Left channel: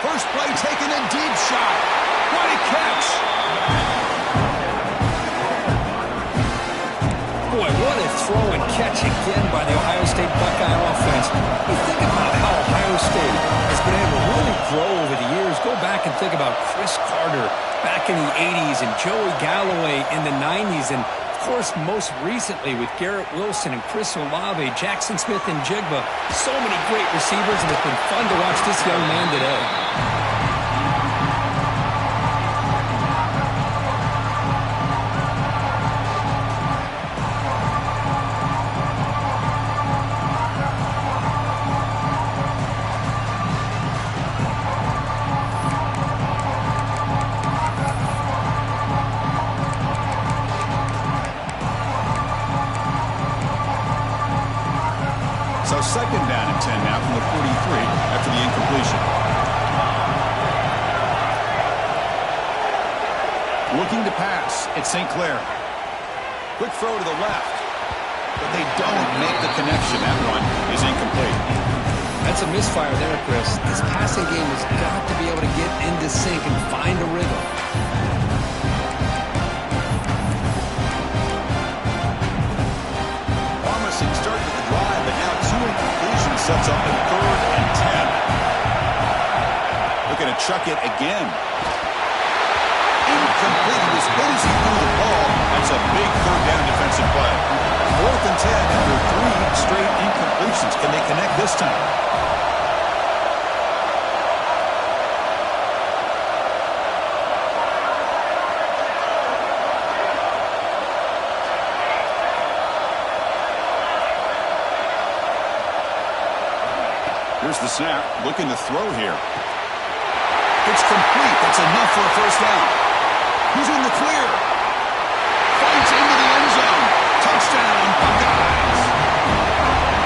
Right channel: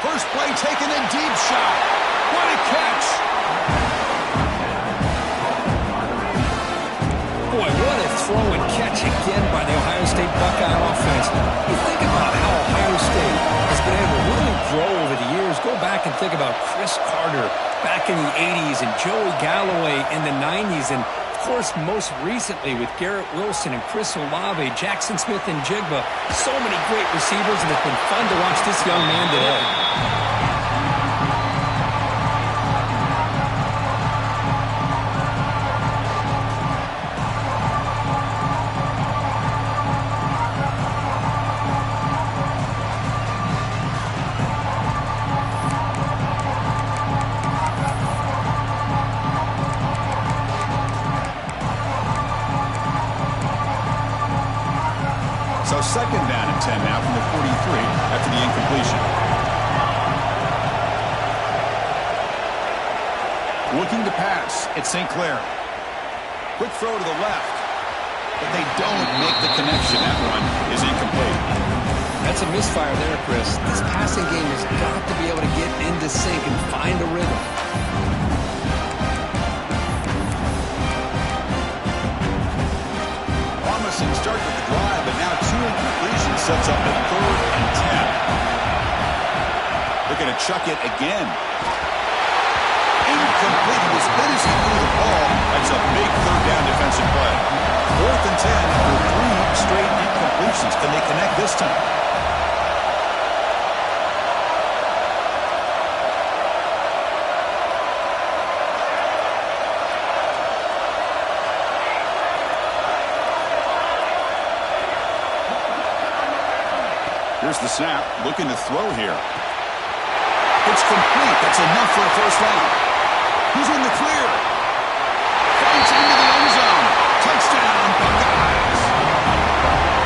First play taking a deep shot. What a catch. Boy, what a throw and catch again by the Ohio State Buckeye offense. You think about how Ohio State has been able to really grow over the years. Go back and think about Chris Carter back in the 80s and Joey Galloway in the 90s. And, of course, most recently with Garrett Wilson and Chris Olave, Jackson Smith and Jigba. So many great receivers, and it's been fun to watch this young man today. So second down and 10 now from the 43 after the incompletion. Looking to pass, it's St. Clair. Quick throw to the left, but they don't make the connection. That one is incomplete. That's a misfire there, Chris. This passing game has got to be able to get into sync and find a rhythm. Promising start to the drive, but now two incompletions sets up a 3rd and 10. Looking to chuck it again. Incomplete. He was hit as he threw the ball. That's a big 3rd down defensive play. 4th and 10 after 3 straight incompletions. Can they connect this time? Here's the snap, looking to throw here. It's complete. That's enough for a first down. He's in the clear. Fights into the end zone. Touchdown, Buckeyes.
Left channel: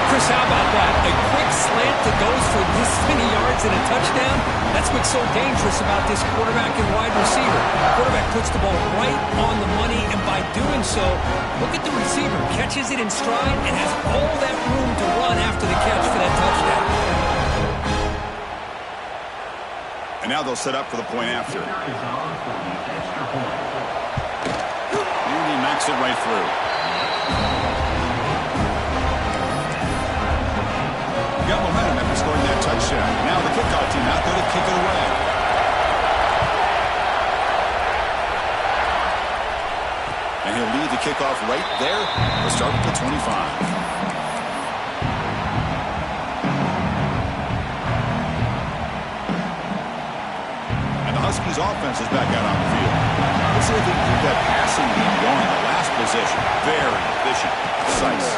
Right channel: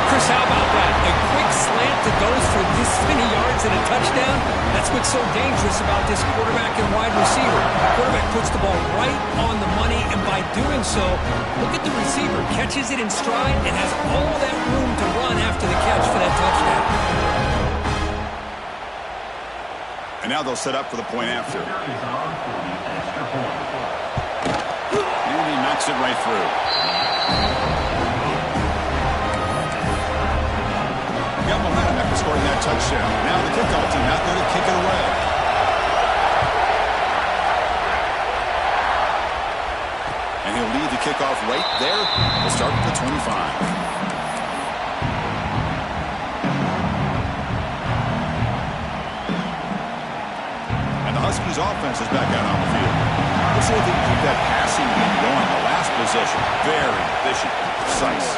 Chris, how about that? A quick slant that goes for this many yards and a touchdown. That's what's so dangerous about this quarterback and wide receiver. Quarterback puts the ball right on the money, and by doing so, look at the receiver. Catches it in stride and has all that room to run after the catch for that touchdown. And now they'll set up for the point after. And he knocks it right through. Got momentum after scoring that touchdown. Now the kickoff team out there to kick it away. And he'll lead the kickoff right there. He'll start at the 25. Huskies offense is back out on the field. Let's see if they can keep that passing game going. The last possession, very efficient, precise.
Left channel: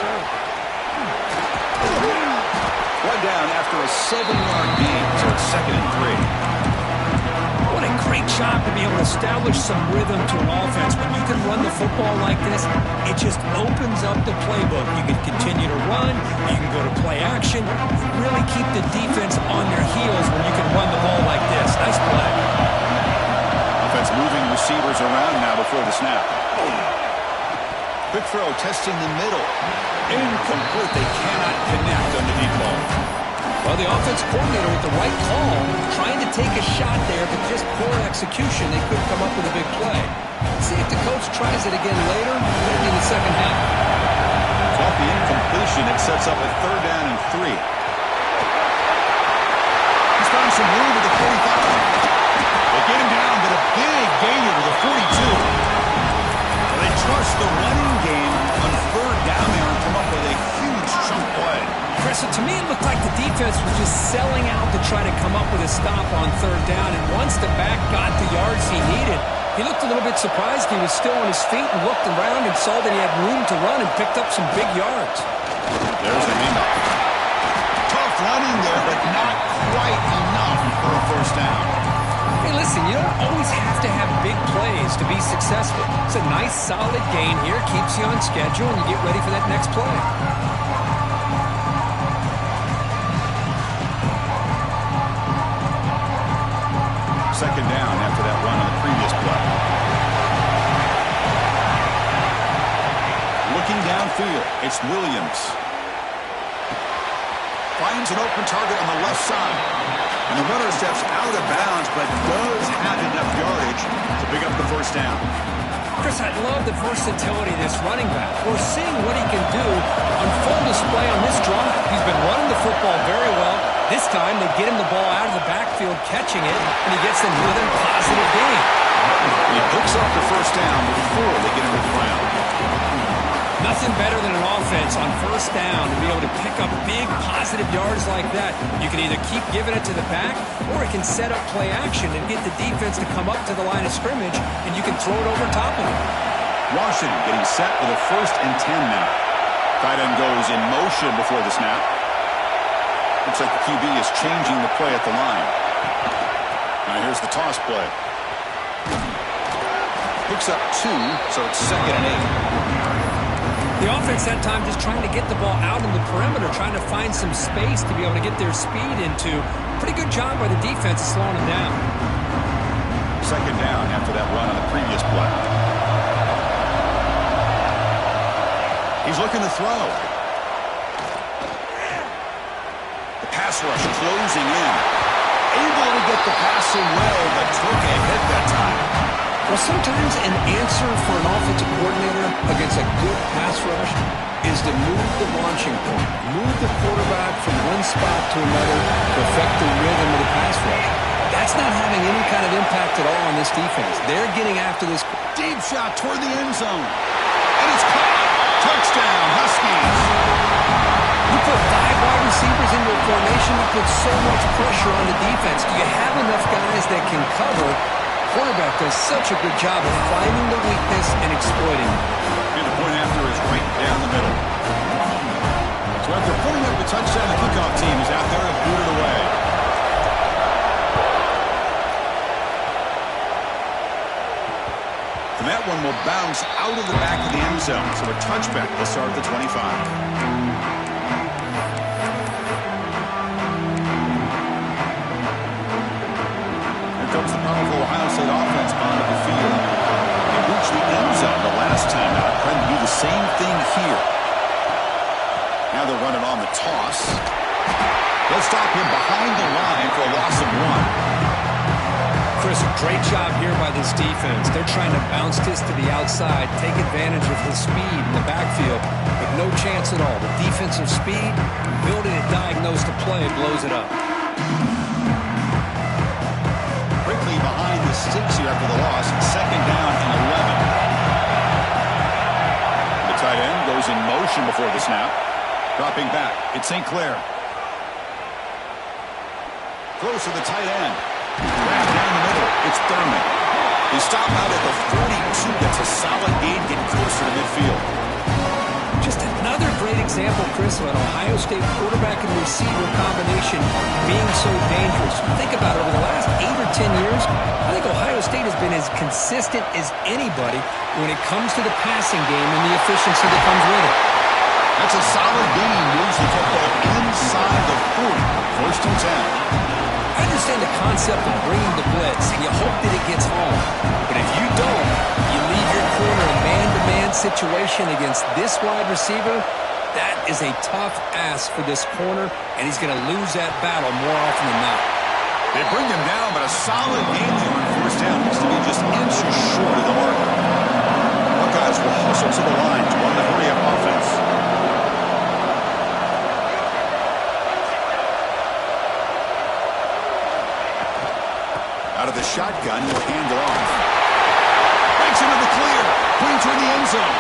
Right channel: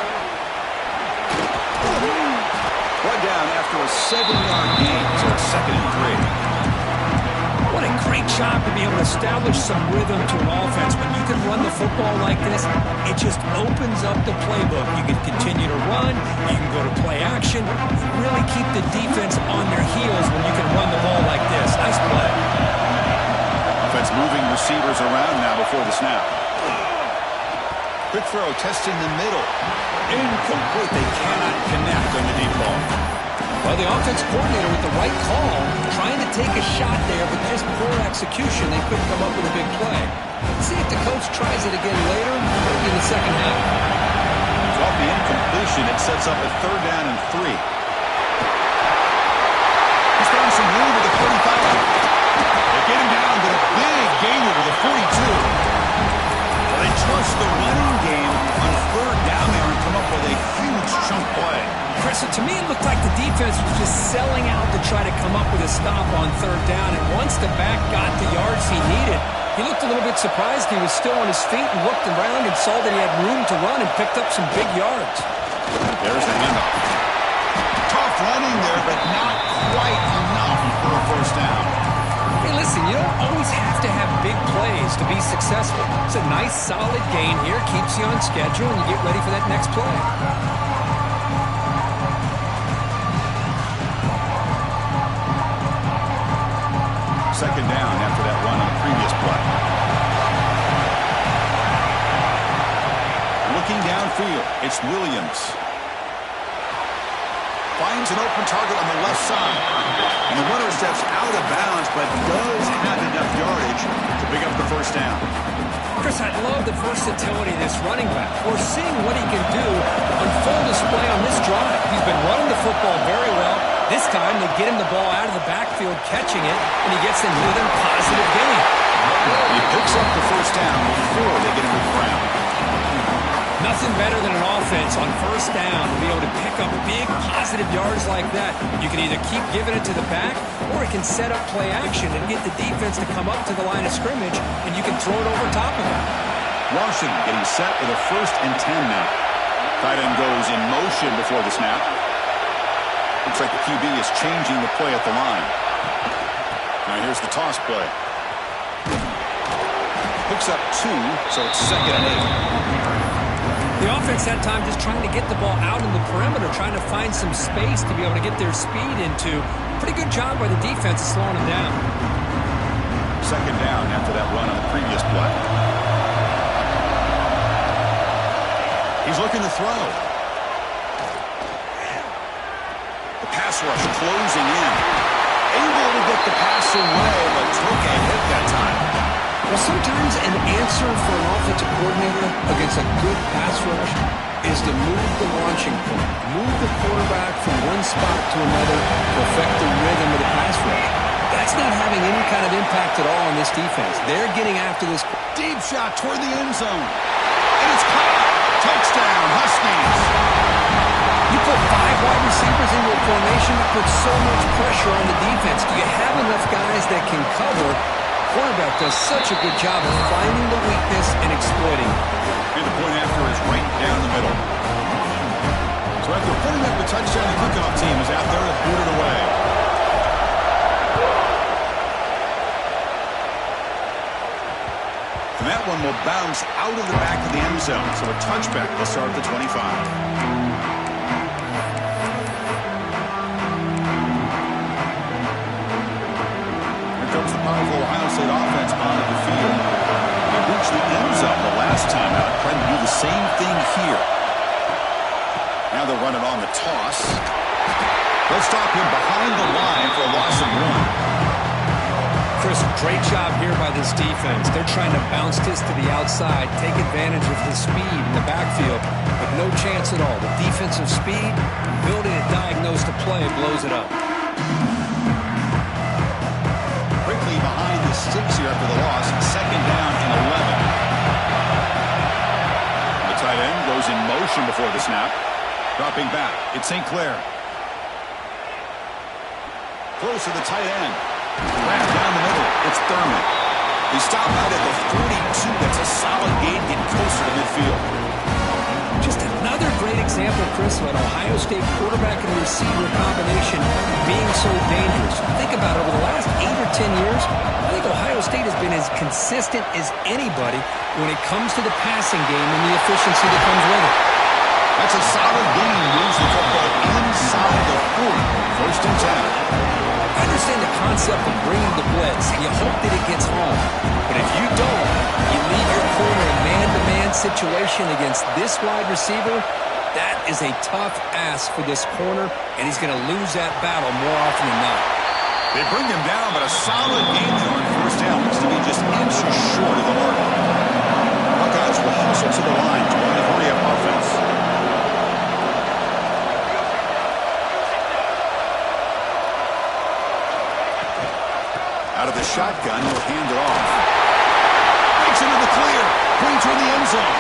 One down after a 7-yard gain, so it's 2nd and 3. What a great job to be able to establish some rhythm to an offense. When you can run the football like this, it just opens up the playbook. You can continue to run. You can go to play action. You really keep the defense on their heels when you can run the ball like this. Nice play. Offense moving receivers around now before the snap. Quick throw, testing the middle. Incomplete. They cannot connect on the deep ball. Well, the offense coordinator with the right call, trying to take a shot there, but just poor execution. They couldn't come up with a big play. Let's see if the coach tries it again later, maybe in the second half. So off the incompletion, it sets up a 3rd down and 3. He's found some room at the 45. They get him down, but a big gainer to the 42. Well, they trust the running game on 3rd down there and come up with a huge chunk play. Chris, to me, it looked like the defense was just selling out to try to come up with a stop on 3rd down. And once the back got the yards he needed, he looked a little bit surprised. He was still on his feet and looked around and saw that he had room to run and picked up some big yards. There's the handoff. Tough running there, but not quite enough for a first down. Hey, listen, you don't always have to have big plays to be successful. It's a nice, solid gain here. Keeps you on schedule, and you get ready for that next play. Second down after that run on the previous play. Looking downfield, it's Williams. Finds an open target on the left side. And the runner steps out of bounds, but does have enough yardage to pick up the first down. Chris, I love the versatility of this running back. We're seeing what he can do on full display on this drive. He's been running the football very well. This time, they get him the ball out of the backfield, catching it, and he gets another positive gain. He picks up the first down before they get him to the ground. Nothing better than an offense on first down to be able to pick up big positive yards like that. You can either keep giving it to the back, or it can set up play action and get the defense to come up to the line of scrimmage, and you can throw it over top of them. Washington getting set with a 1st and 10 now. Tight end goes in motion before the snap. Looks like the QB is changing the play at the line. Now here's the toss play. Picks up 2, so it's 2nd and 8. The offense that time just trying to get the ball out in the perimeter, trying to find some space to be able to get their speed into. Pretty good job by the defense of slowing them down. 2nd down after that run on the previous play. He's looking to throw. The pass rush closing in. Able to get the pass away, but took a hit that time. Well, sometimes an answer for an offensive coordinator against a good pass rush is to move the launching point, move the quarterback from one spot to another to affect the rhythm of the pass rush. That's not having any kind of impact at all on this defense. They're getting after this. Deep shot toward the end zone. And it's caught. Touchdown, Huskies. You put 5 wide receivers into a formation that puts so much pressure on the defense. Do you have enough guys that can cover? Quarterback does such a good job of finding the weakness and exploiting it. And the point after is right down the middle. So after putting up the touchdown, the kickoff team is out there to boot it away. And that one will bounce out of the back of the end zone. So a touchback will start at the 25. Comes the powerful Ohio State offense onto the field. They reached the end zone the last time out, trying to do the same thing here. Now they're running on the toss. They'll stop him behind the line for a loss of 1. Chris, great job here by this defense. They're trying to bounce this to the outside, take advantage of his speed in the backfield, but no chance at all. The defensive speed, ability to diagnose the play, blows it up. Behind the sticks here after the loss. 2nd down and 11. The tight end goes in motion before the snap. Dropping back. It's St. Clair. Close to the tight end. Grab down the middle. It's Thurman. They stop out at the 42. That's a solid gain, getting closer to midfield. Just another great example, Chris, of an Ohio State quarterback and receiver combination being so dangerous. Think about it, over the last 8 or 10 years, I think Ohio State has been as consistent as anybody when it comes to the passing game and the efficiency that comes with it. That's a solid gain. Moves the football inside the 40. 1st and 10. I understand the concept of bringing the blitz, and you hope that it gets home. But if you don't, you leave your corner in man-to-man situation against this wide receiver, that is a tough ask for this corner, and he's going to lose that battle more often than not. They bring him down, but a solid gain there on 1st down. Looks to be just inches short of the mark. Buckeyes will hustle to the line to run the hurry-up offense. Out of the shotgun, he'll hand it off. Breaks into the clear. Clean toward the end zone.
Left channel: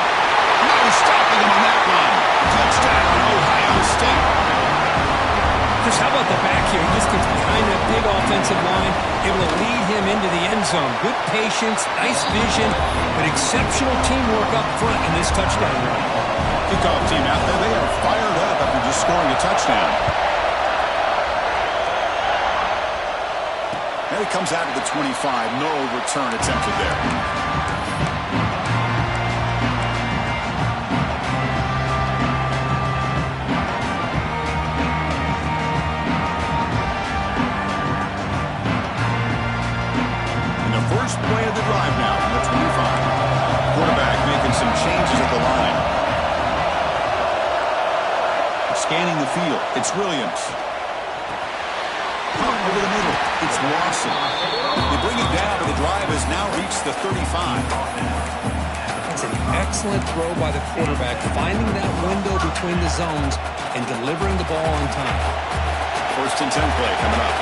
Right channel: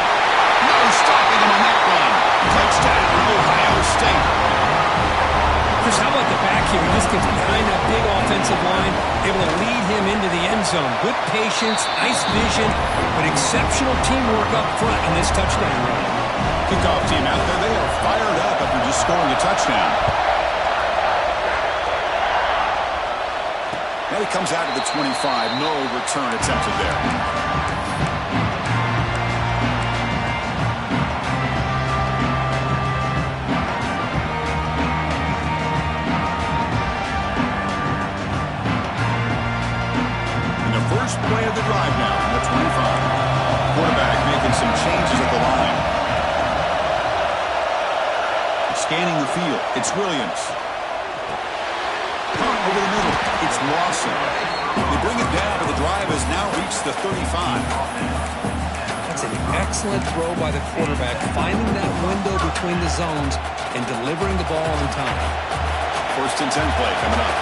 No stopping him on that run. Touchdown, Ohio State. Chris, how about the back here? He just gets behind that big offensive line, able to lead him into the end zone. Good patience, nice vision, but exceptional teamwork up front in this touchdown run. Kickoff team out there, they are fired up after just scoring a touchdown. And he comes out of the 25. No return attempted there. In the first play of the drive now from the 25. Quarterback making some changes at the line. Scanning the field. It's Williams. over the middle. It's Lawson. They bring it down, but the drive has now reached the 35. That's an excellent throw by the quarterback, finding that window between the zones and delivering the ball on time. 1st and 10 play coming up.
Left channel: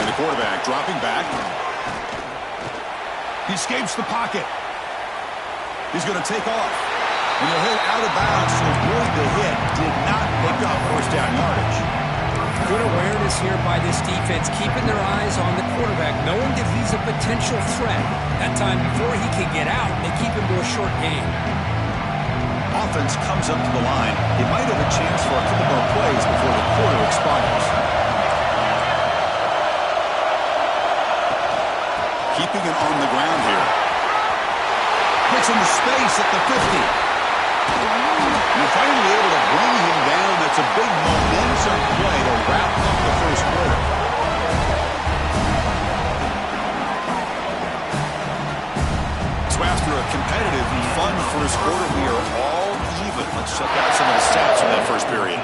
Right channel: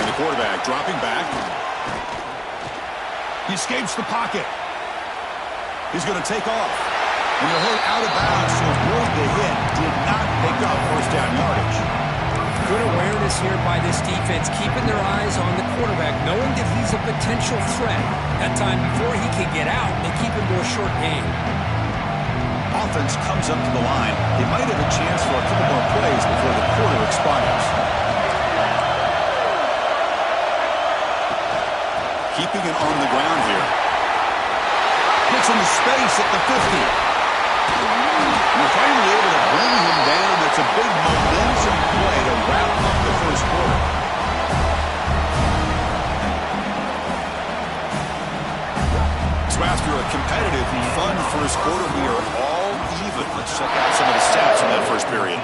And the quarterback dropping back. He escapes the pocket. He's going to take off. And he'll hit out of bounds to avoid the hit. Did not pick up 1st down yardage. Good awareness here by this defense, keeping their eyes on the quarterback, knowing that he's a potential threat. That time before he can get out, they keep him to a short game. Offense comes up to the line. They might have a chance for a couple more plays before the quarter expires. Keeping it on the ground here. Gets into space at the 50. And they're finally able to bring him down. That's a big momentum play to wrap up the 1st quarter. So after a competitive, fun 1st quarter, we are all even. Let's check out some of the stats from that 1st period.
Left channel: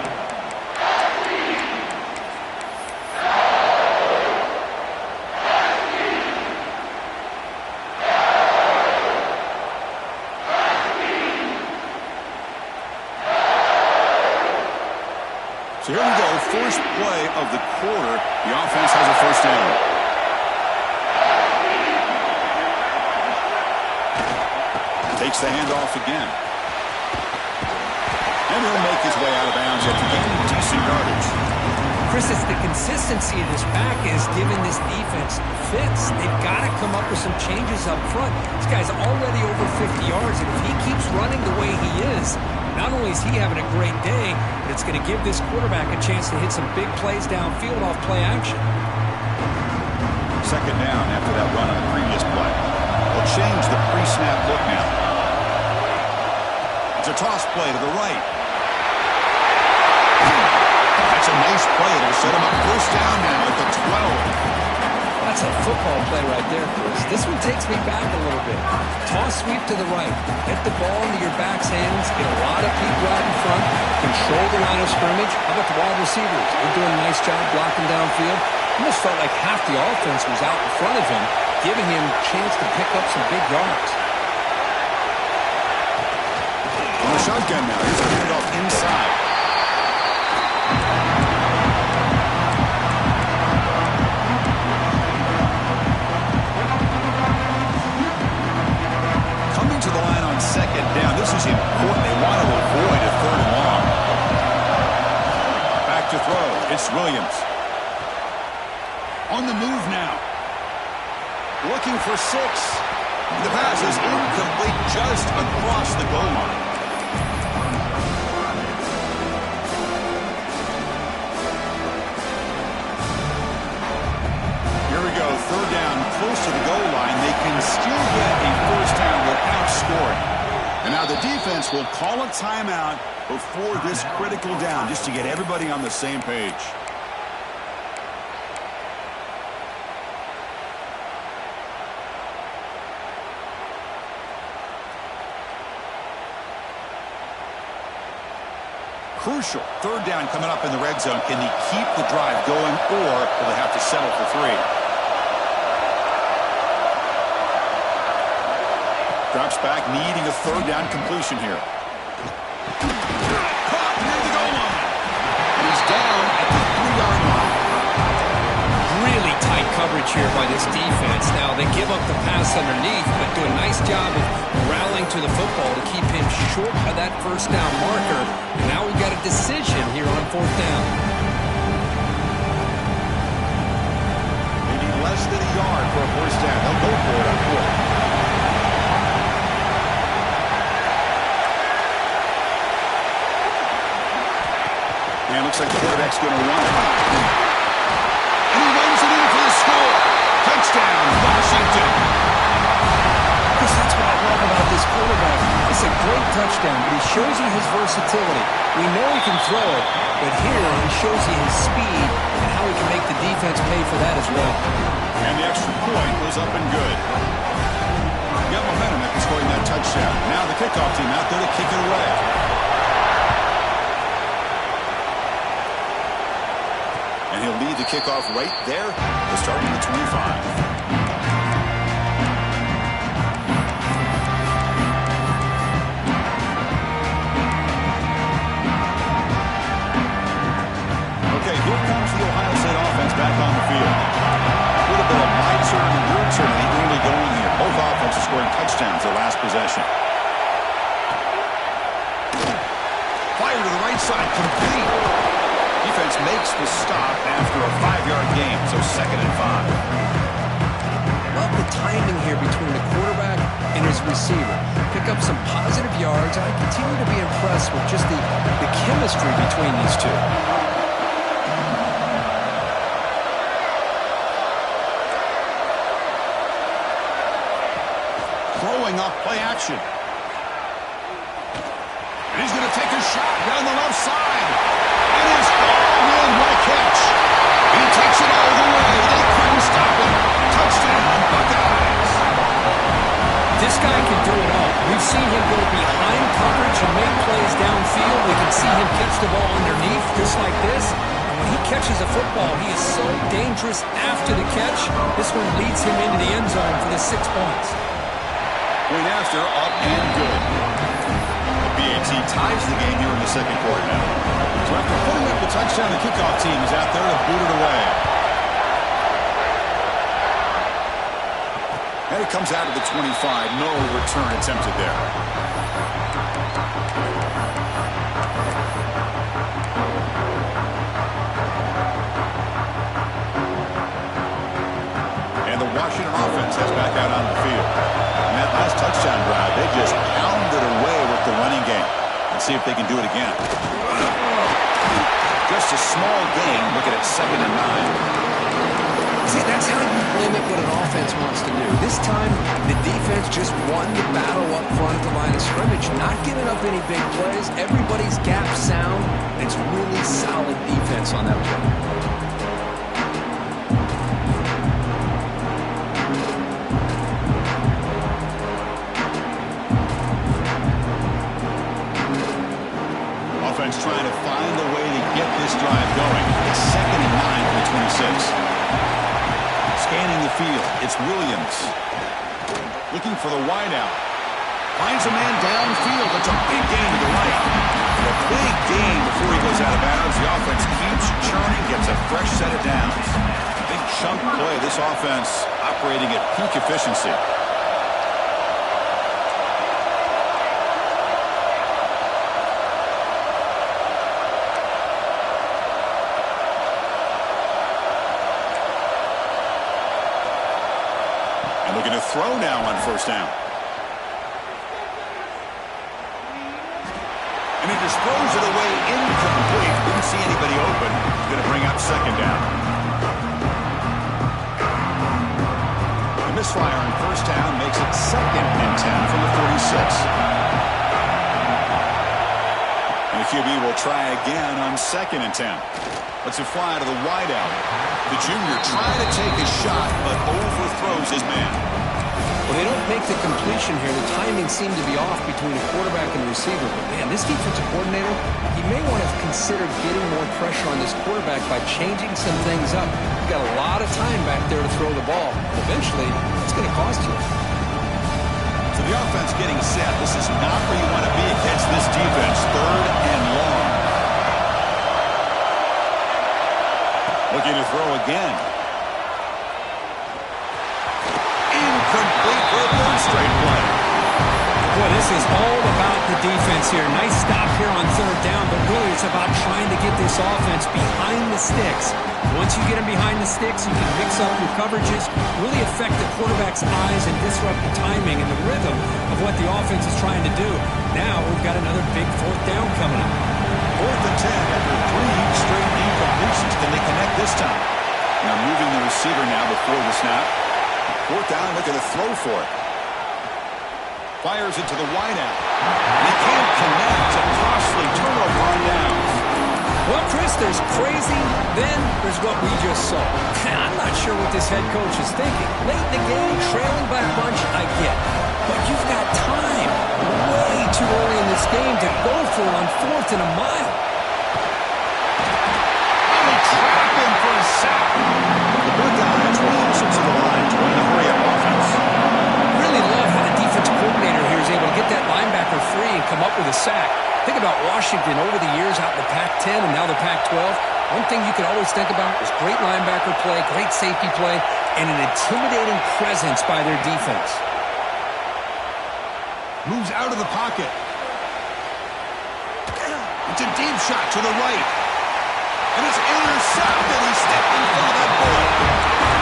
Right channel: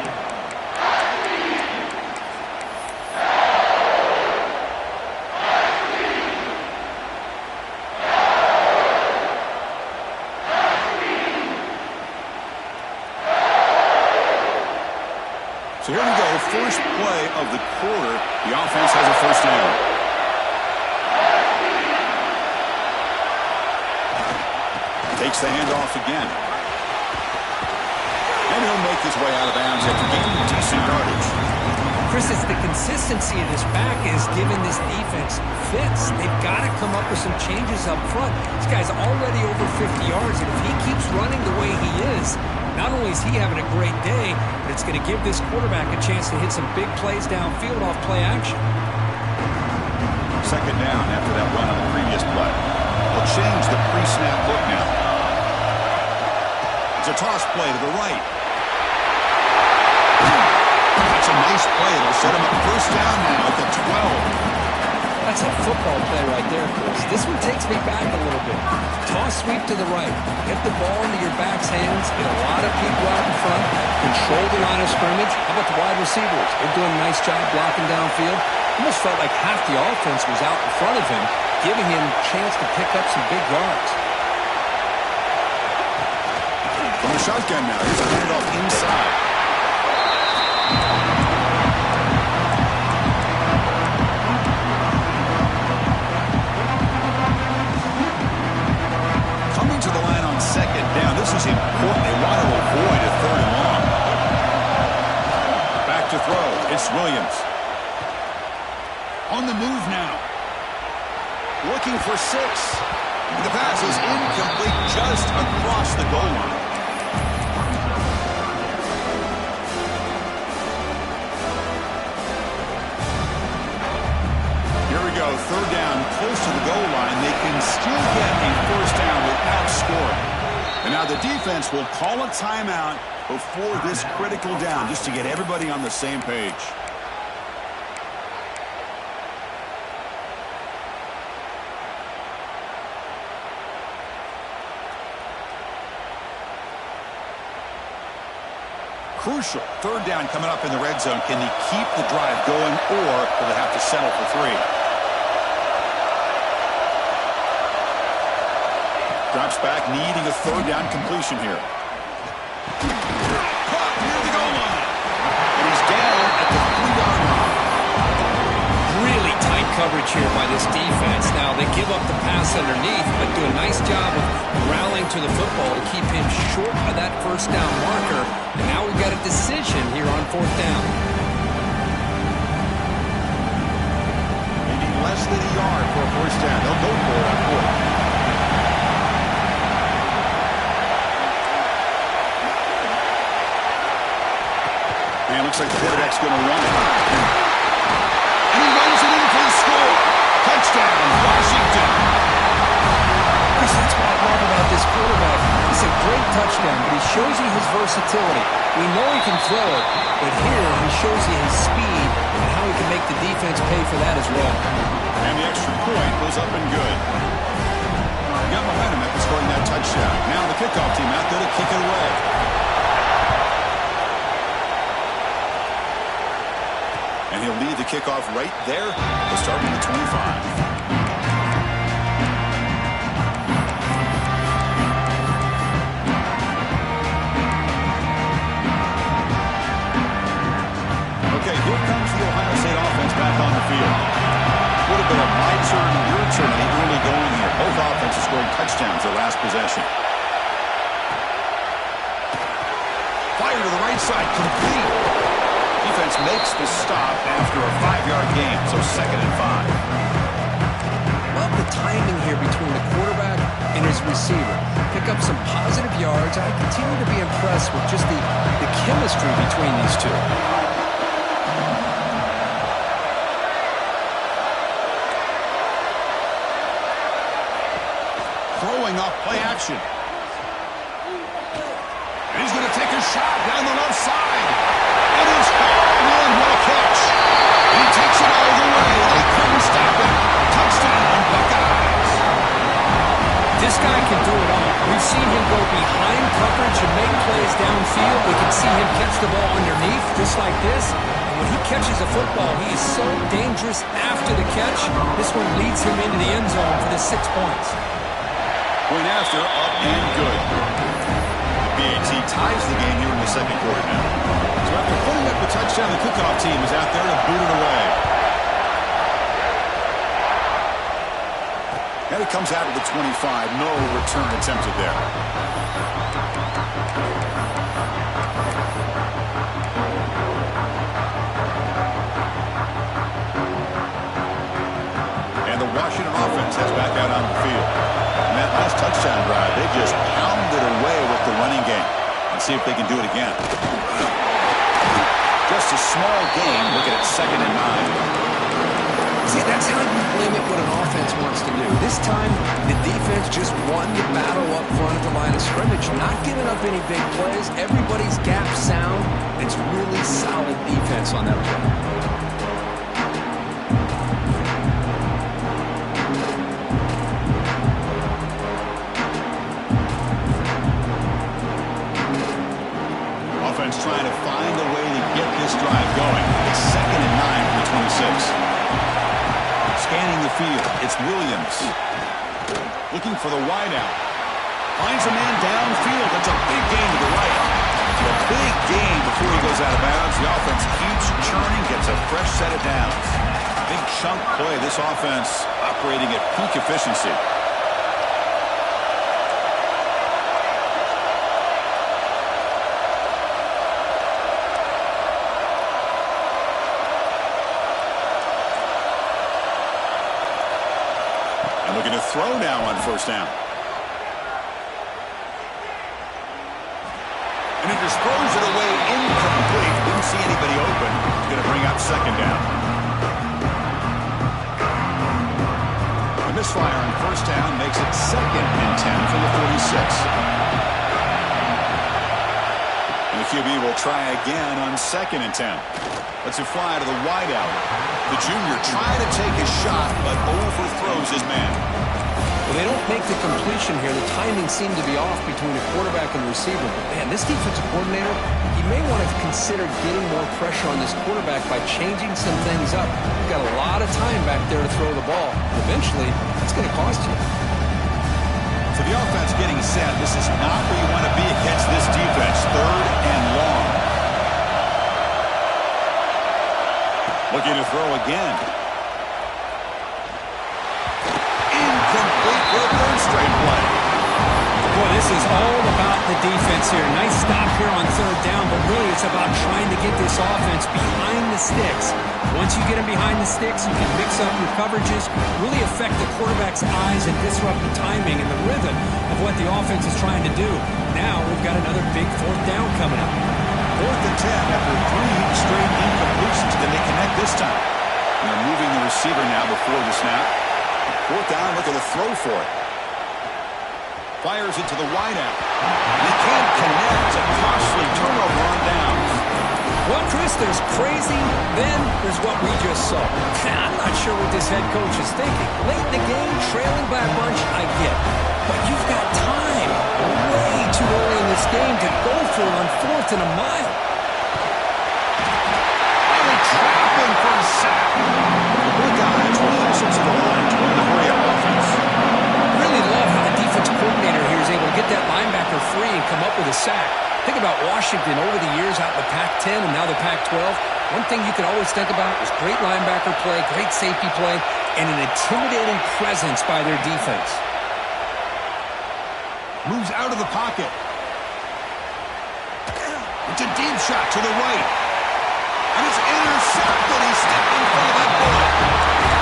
So here we go, 1st play of the quarter. The offense has a 1st down. Takes the handoff again. And he'll make his way out of bounds after gaining decent yardage. Chris, it's the consistency of this back is giving this defense fits. They've got to come up with some changes up front. This guy's already over 50 yards, and if he keeps running the way he is, not only is he having a great day, but it's going to give this quarterback a chance to hit some big plays downfield off play action. 2nd down after that run on the previous play. They'll change the pre-snap look now. It's a toss play to the right. That's a nice play. It'll set him up 1st down now at the 12. That's a football play right there, Chris. This one takes me back a little bit. Toss sweep to the right. Get the ball into your back's hands. Get a lot of people out in front. Control the line of scrimmage. How about the wide receivers? They're doing a nice job blocking downfield. Almost felt like half the offense was out in front of him, giving him a chance to pick up some big yards. From the shotgun now. Here's a handoff inside. To the line on 2nd down. This is important. They want to avoid a 3rd and long. Back to throw. It's Williams. On the move now. Looking for 6. The pass is incomplete just across the goal line. Here we go, 3rd down, close to the goal line. They can still get a 1st down without scoring. And now the defense will call a timeout before this critical down, just to get everybody on the same page. Crucial 3rd down coming up in the red zone. Can they keep the drive going, or will they have to settle for 3? Drops back, needing a 3rd down completion here. Caught near the goal line. And he's down at the 3-yard line. Really tight coverage here by this defense. Now, they give up the pass underneath, but do a nice job of rallying to the football to keep him short of that 1st down marker. And now we've got a decision here on 4th down. They need less than a yard for a 1st down. They'll go for it on 4th. And it looks like the quarterback's going to run it. And he runs it in for the score. Touchdown, Washington. Chris, that's what I love about this quarterback. He's a great touchdown, but he shows you his versatility. We know he can throw it, but here he shows you his speed and how he can make the defense pay for that as well. And the extra point was up and good. You got momentum after scoring that touchdown. Now the kickoff team out there to kick it away. And he'll lead the kickoff right there. They'll start from the 25. Okay, here comes the Ohio State offense back on the field. A little bit of my turn, your turn in the early going here. Both offenses scoring touchdowns their last possession. Fire to the right side, complete. Defense makes the stop after a 5-yard gain, so 2nd and 5. Love the timing here between the quarterback and his receiver. Pick up some positive yards. I continue to be impressed with just the chemistry between these two. Throwing off play action. And he's going to take a shot down the left side. It is hauled in. What a catch. He takes it all the way. They couldn't stop him. Touchdown, Buckeyes. This guy can do it all. We've seen him go behind coverage and make plays downfield. We can see him catch the ball underneath just like this. And when he catches a football, he is so dangerous after the catch. This one leads him into the end zone for the 6 points. Point after, up and good. The BAT ties the game here in the second quarter now. So after putting up the touchdown, the kickoff team is out there to boot it away. And it comes out of the 25. No return attempted there. And the Washington offense heads back out on the field. And that last touchdown drive, they just pounded away with the running game. Let's see if they can do it again. Just a small gain. Look at it, 2nd and 9. See, that's how you limit what an offense wants to do. This time, the defense just won the battle up front at the line of scrimmage, not giving up any big plays. Everybody's gap sound. It's really solid defense on that play. Trying to find a way to get this drive going. It's 2nd and 9 from the 26. Scanning the field, it's Williams. Looking for the wideout. Finds a man downfield. That's a big gain to the right. And a big gain before he goes out of bounds. The offense keeps churning, gets a fresh set of downs. Big chunk play. This offense operating at peak efficiency. Looking to throw now on 1st down. And he just throws it away incomplete. Didn't see anybody open. He's going to bring up 2nd down. The misfire on 1st down makes it 2nd and 10 from the 46. And the QB will try again on 2nd and 10. Lets it fly to the wideout. The junior trying to take a shot, but overthrows his man. Well, they don't make the completion here. The timing seemed to be off between the quarterback and the receiver. But, man, this defensive coordinator, he may want to consider getting more pressure on this quarterback by changing some things up. He's got a lot of time back there to throw the ball. And eventually, that's going to cost you. So the offense getting set. This is not where you want to be against this defense. 3rd and long. Looking to throw again. Incomplete for a 3rd straight play. Boy, this is all about the defense here. Nice stop here on 3rd down, but really it's about trying to get this offense behind the sticks. Once you get them behind the sticks, you can mix up your coverages, really affect the quarterback's eyes and disrupt the timing and the rhythm of what the offense is trying to do. Now we've got another big 4th down coming up. 4th and 10 after 3 straight incompletions. Can they connect this time? And they're moving the receiver now before the snap. 4th down, looking to throw for it. Fires it to the wideout. He can't connect. A costly turnover on downs. Well, Chris, there's crazy, then there's what we just saw. I'm not sure what this head coach is thinking. Late in the game, trailing by a bunch, I get. But you've got time, way too early in this game to go for it on 4th and a mile. Oh, they trap him for a sack. The Buckeyes will hustle to the line to win the hurry-up offense. Really love how the defense coordinator here is able to get that linebacker free and come up with a sack. Think about Washington over the years out in the Pac-10 and now the Pac-12. One thing you could always think about is great linebacker play, great safety play, and an intimidating presence by their defense. Moves out of the pocket. It's a deep shot to the right. And it's intercepted. He stepped in front of that bullet.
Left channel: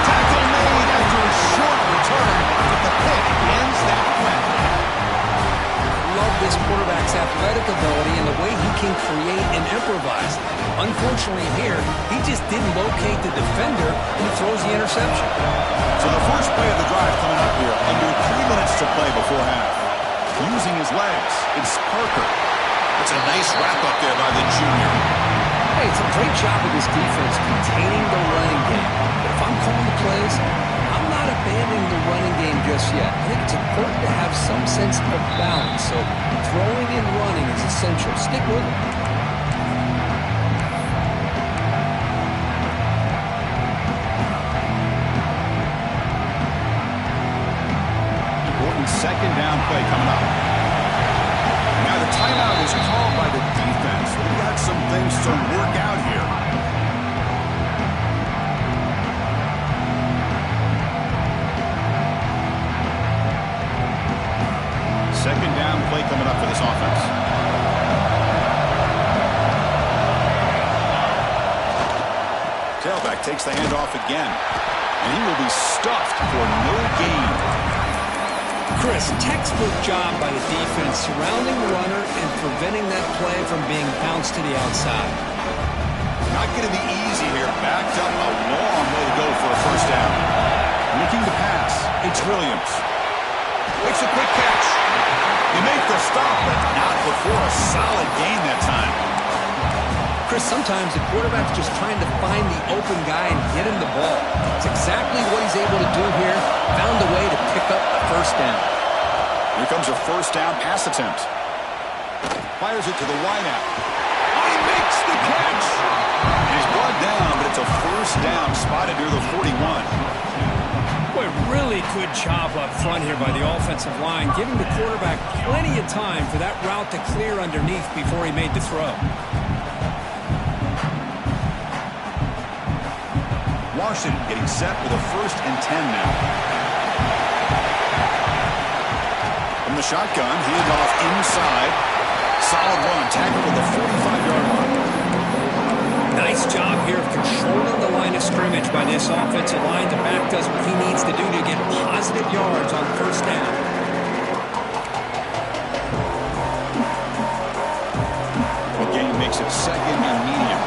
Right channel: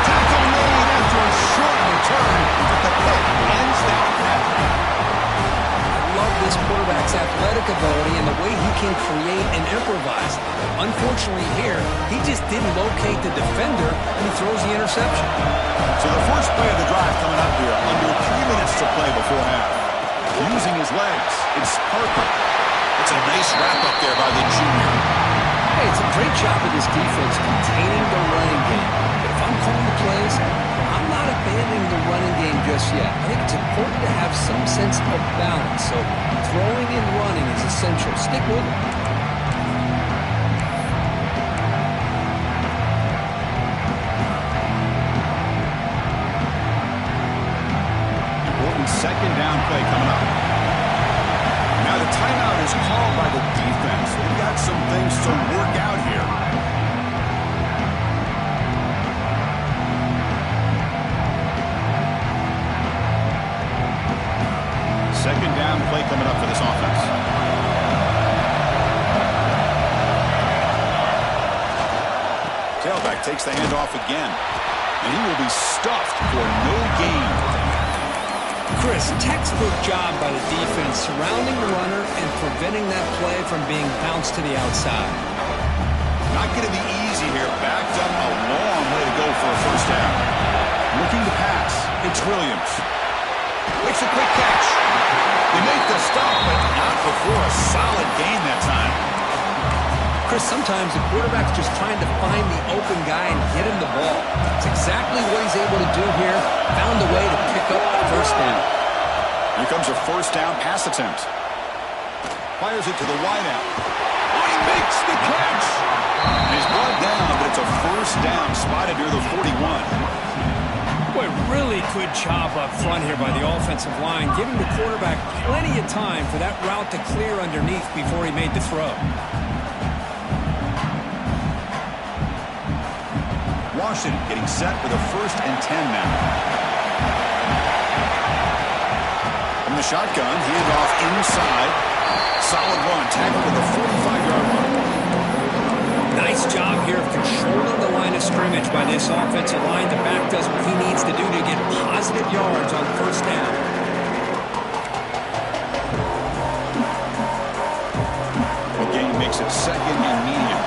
Tackle made after a short return, but the pick ends that threat. Love this quarterback's athletic ability and the way he can create and improvise. Unfortunately here, he just didn't locate the defender, and he throws the interception. So the first play of the drive coming up here, under 3 minutes to play before half. Using his legs, it's Parker. That's a nice wrap-up there by the junior. Hey, it's a great job of this defense containing the running game. But if I'm calling the plays, I'm not abandoning the running game just yet. I think it's important to have some sense of balance. So throwing and running is essential. Stick with it. Important second down play coming up. Now the timeout is called by the defense. They've got some things to work out here. Second down play coming up for this offense. Tailback takes the handoff again. And he will be stuffed for no gain. Chris, textbook job by the defense surrounding the runner and preventing that play from being bounced to the outside. Not going to be easy here. Backed up a long way to go for a first down. Looking to pass. It's Williams. Makes a quick catch. They make the stop, but not before a solid gain that time. Chris, sometimes the quarterback's just trying to find the open guy and get him the ball. It's exactly what he's able to do here. Found a way to pick up the first down. Here comes a first down pass attempt. Fires it to the wideout. Oh, he makes the catch. He's brought down, but it's a first down spotted near the 41. Boy, really good job up front here by the offensive line, giving the quarterback plenty of time for that route to clear underneath before he made the throw. Washington getting set with a 1st and 10 now. From the shotgun, handoff inside. Solid run, tackled at the 45-yard line. Nice job here of controlling the line of scrimmage by this offensive line. The back does what he needs to do to get positive yards on first down. The game makes it 2nd and medium.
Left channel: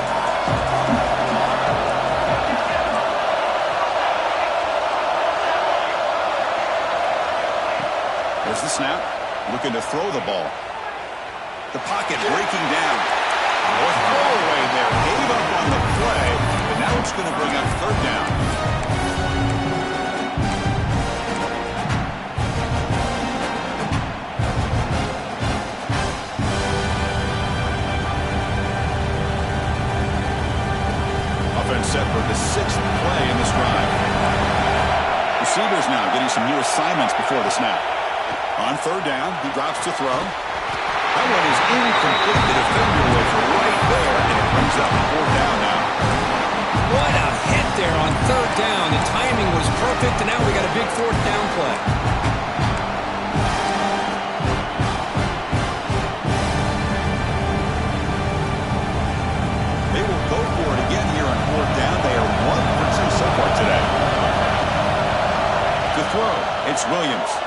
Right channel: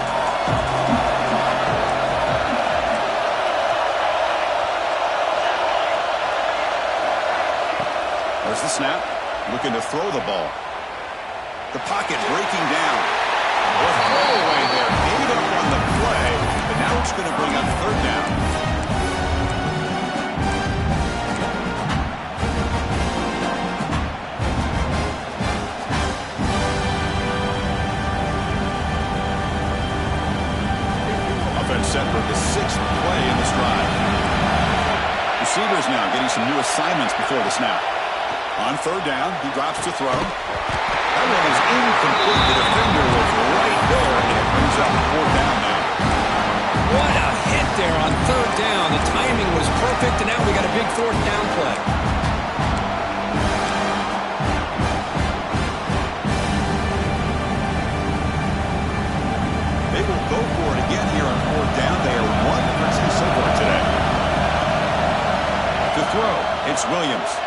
There's the snap. Looking to throw the ball. The pocket breaking down. Or throwaway there. Gave up on the play, but now it's going to bring up 3rd down. Offense set for the 6th play in this drive. Receivers now getting some new assignments before the snap. On 3rd down, he drops to throw. That one is incomplete. The defender was right there, and it brings up 4th down now. What a hit there on 3rd down. The timing was perfect, and now we got a big 4th down play. They will go for it again here on 4th down. They are 1 for 2 so far today. To throw, it's Williams.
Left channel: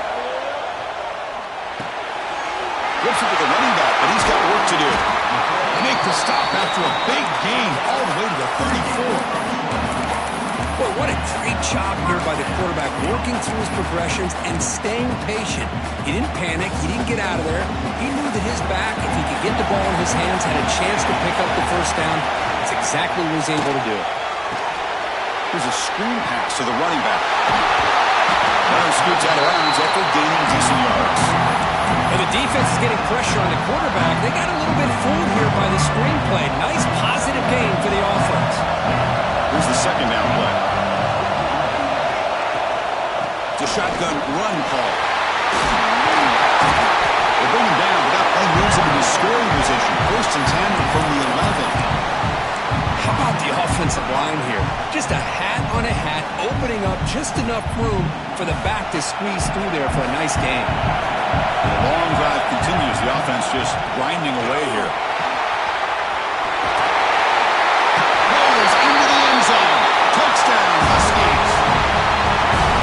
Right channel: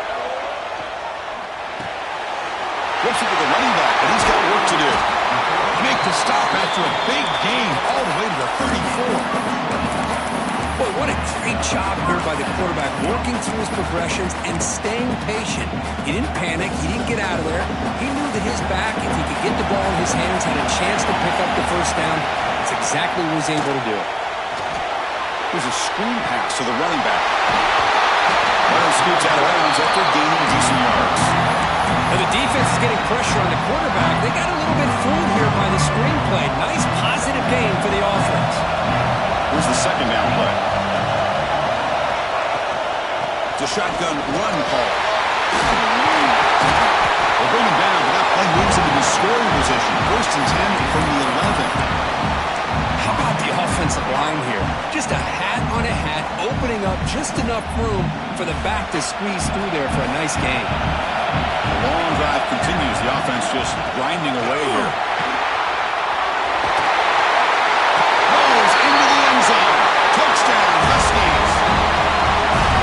Flips it to the running back, but he's got work to do. They make the stop after a big gain all the way to the 34. Boy, what a great job here by the quarterback, working through his progressions and staying patient. He didn't panic. He didn't get out of there. He knew that his back, if he could get the ball in his hands, had a chance to pick up the first down. That's exactly what he was able to do. Here's a screen pass to the running back. Runner scoots out of bounds after gaining decent yards. Now the defense is getting pressure on the quarterback. They got a little bit fooled here by the screenplay. Nice positive gain for the offense. Here's the second down play. It's a shotgun run call. They'll bring him down, but that play moves him into scoring position. 1st and 10 from the 11. How about the offensive line here? Just a hat on a hat, opening up just enough room for the back to squeeze through there for a nice gain. The long drive continues. The offense just grinding away here. Rolls into the end zone. Touchdown, Huskies.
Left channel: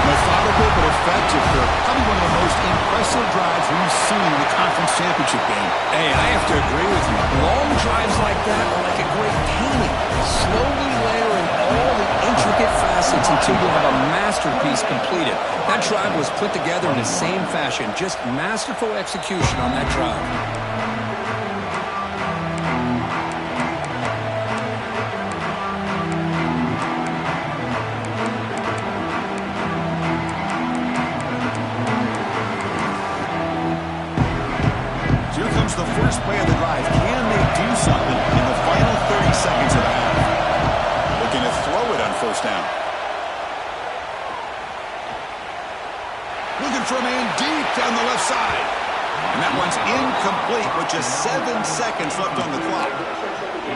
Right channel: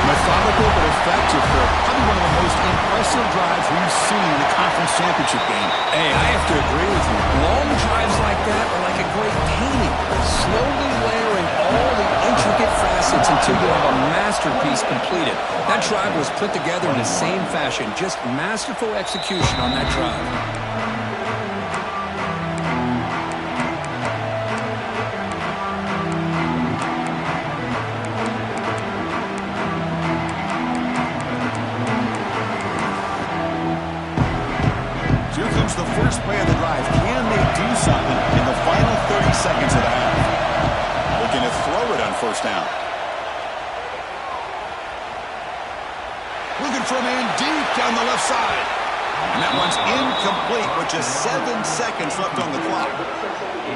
Methodical but effective, Kirk. Probably one of the most impressive drives we've seen in the conference championship game. Hey, I have to agree with you. Long drives like that are like a great painting. Slowly layering all the intricate facets until you have a masterpiece completed. That drive was put together in the same fashion. Just masterful execution on that drive. The first play of the drive. Can they do something in the final 30 seconds of the half? Looking to throw it on 1st down. Looking for a man deep down the left side. And that one's incomplete with just 7 seconds left on the clock.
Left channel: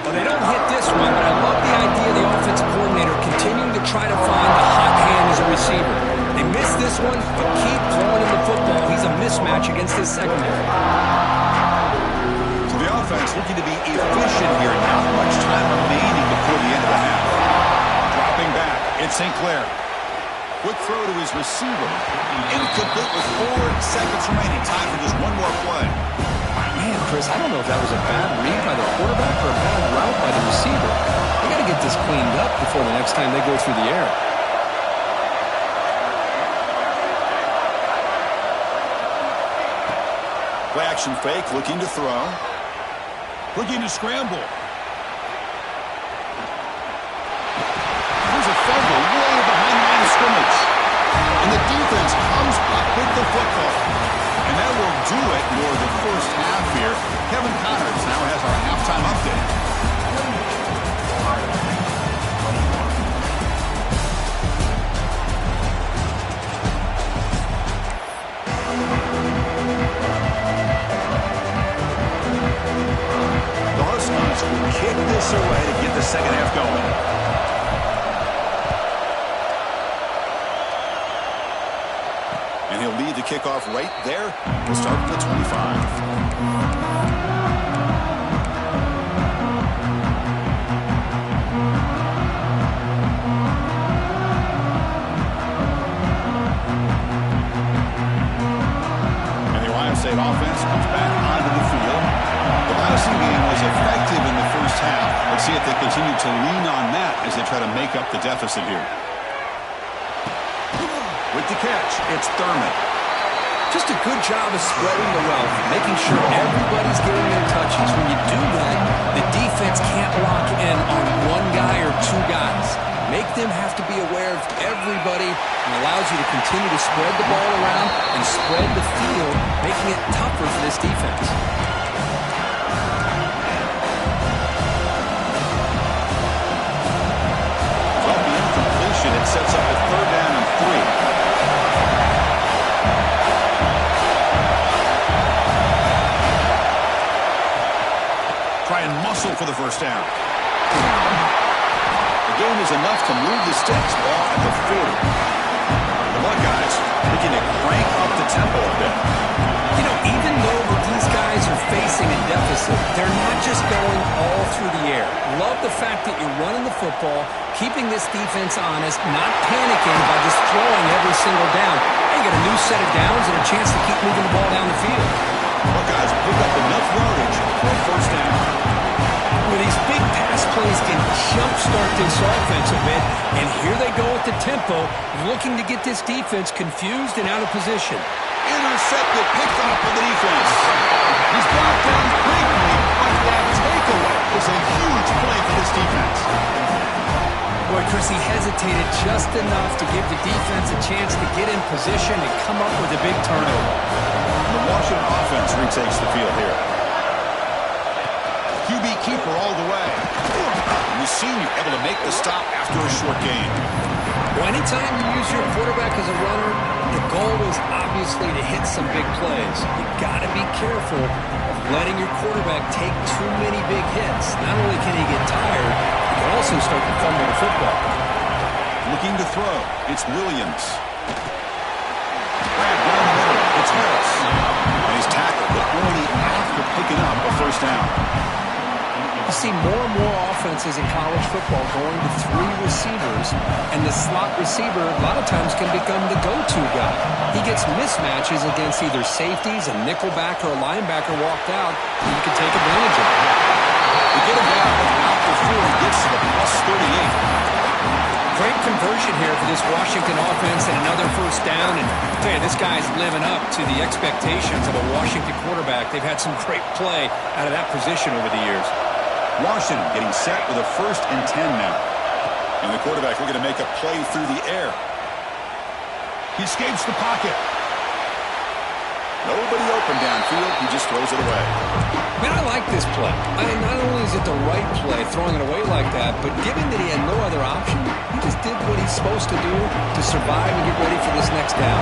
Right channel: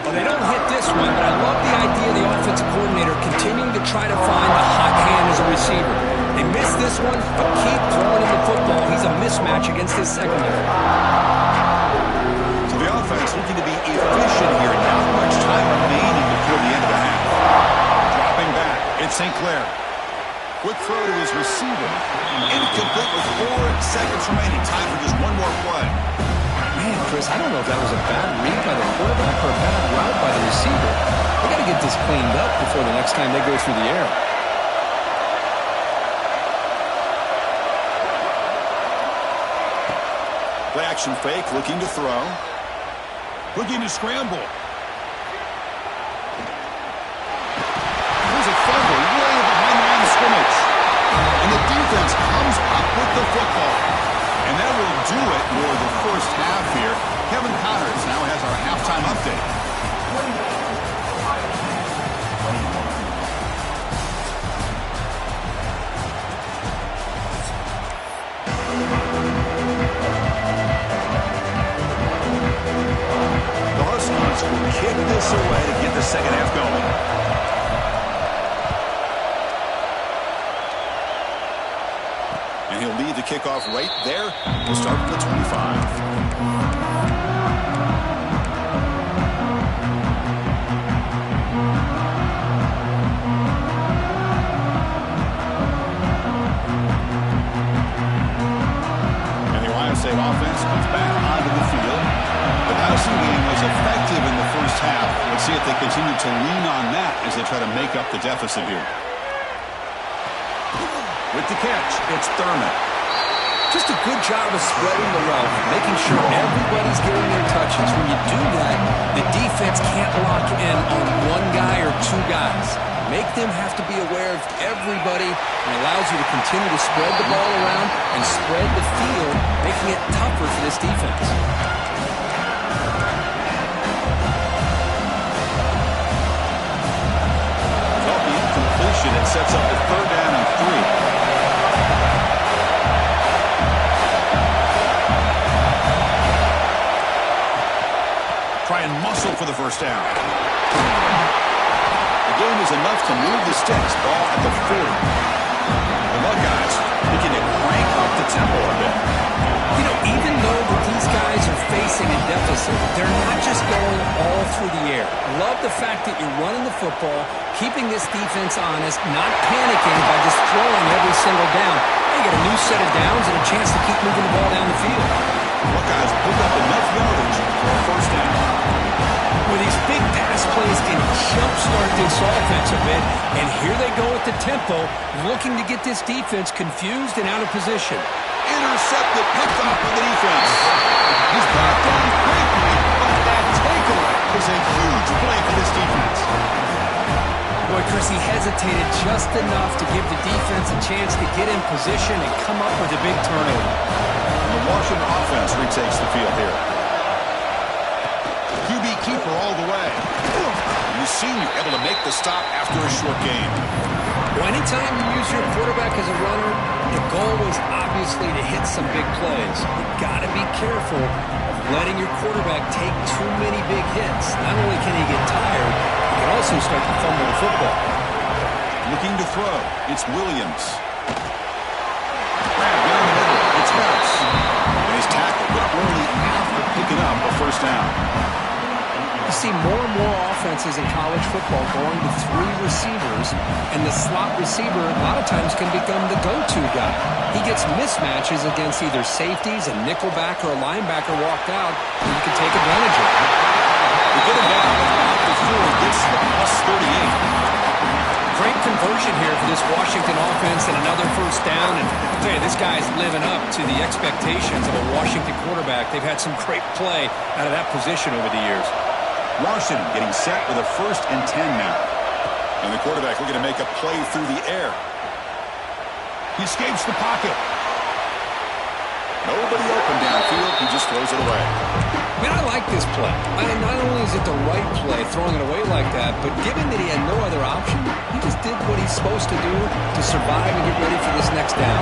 Well, they don't hit this one, but I love the idea of the offensive coordinator continuing to try to find the hot hand as a receiver. They missed this one, but keep throwing him the football. He's a mismatch against his secondary. The offense looking to be efficient here. Not much time remaining before the end of the half. Dropping back, it's St. Clair. Quick throw to his receiver. Incomplete with 4 seconds remaining. Time for just one more play. Man, Chris, I don't know if that was a bad read by the quarterback or a bad route by the receiver. They got to get this cleaned up before the next time they go through the air. Play action fake, looking to throw. Looking to scramble. There's a fumble way behind the line of scrimmage. And the defense comes up with the football. And that will do it for the first half here. Kevin Connors now has our halftime update. Will kick this away to get the second half going. And he'll lead the kickoff right there. We'll start at the 25. State offense comes back onto the field. The passing game was effective in the first half. Let's see if they continue to lean on that as they try to make up the deficit here. With the catch, it's Thurman. Just a good job of spreading the wealth, making sure everybody's getting their touches. When you do that, the defense can't lock in on one guy or 2 guys. Make them have to be aware of everybody and allows you to continue to spread the ball around and spread the field, making it tougher for this defense. Well, the incompletion, it sets up a 3rd down and 3. Try and muscle for the first down. The game is enough to move the sticks. Ball at the 40. The Buckeyes looking to crank up the tempo a bit. You know, even though that these guys are facing a deficit, they're not just going all through the air. Love the fact that you're running the football, keeping this defense honest, not panicking by just throwing every single down. Hey, you got a new set of downs and a chance to keep moving the ball down the field. Buckeyes pick up enough yardage for a first down. Well, these big pass plays can jumpstart this offense a bit, and here they go at the tempo, looking to get this defense confused and out of position. Intercepted, picked off by the defense. He's brought down quickly, but that takeaway is a huge play for this defense. Boy, Chris, he hesitated just enough to give the defense a chance to get in position and come up with a big turnover. And the Washington offense retakes the field here. QB keeper all the way. The senior able to make the stop after a short gain. Well, anytime you use your quarterback as a runner, the goal is obviously to hit some big plays. You've got to be careful of letting your quarterback take too many big hits. Not only can he get tired, he can also start to fumble the football. Looking to throw. It's Williams. Grab down the middle. It's Harris. And he's tackled, but only after picking up a first down. You see more and more offenses in college football going to 3 receivers, and the slot receiver a lot of times can become the go-to guy. He gets mismatches against either safeties, a nickelback, or a linebacker walked out, and you can take advantage of it. We get him down about the 4, gets to the plus 38. Great conversion here for this Washington offense and another first down. And I'll tell you, this guy's living up to the expectations of a Washington quarterback. They've had some great play out of that position over the years. Washington getting set with a 1st and 10 now. And the quarterback looking to make a play through the air. He escapes the pocket. Nobody open downfield. He just throws it away. Man, I like this play. Not only is it the right play, throwing it away like that, but given that he had no other option, he just did what he's supposed to do to survive and get ready for this next down.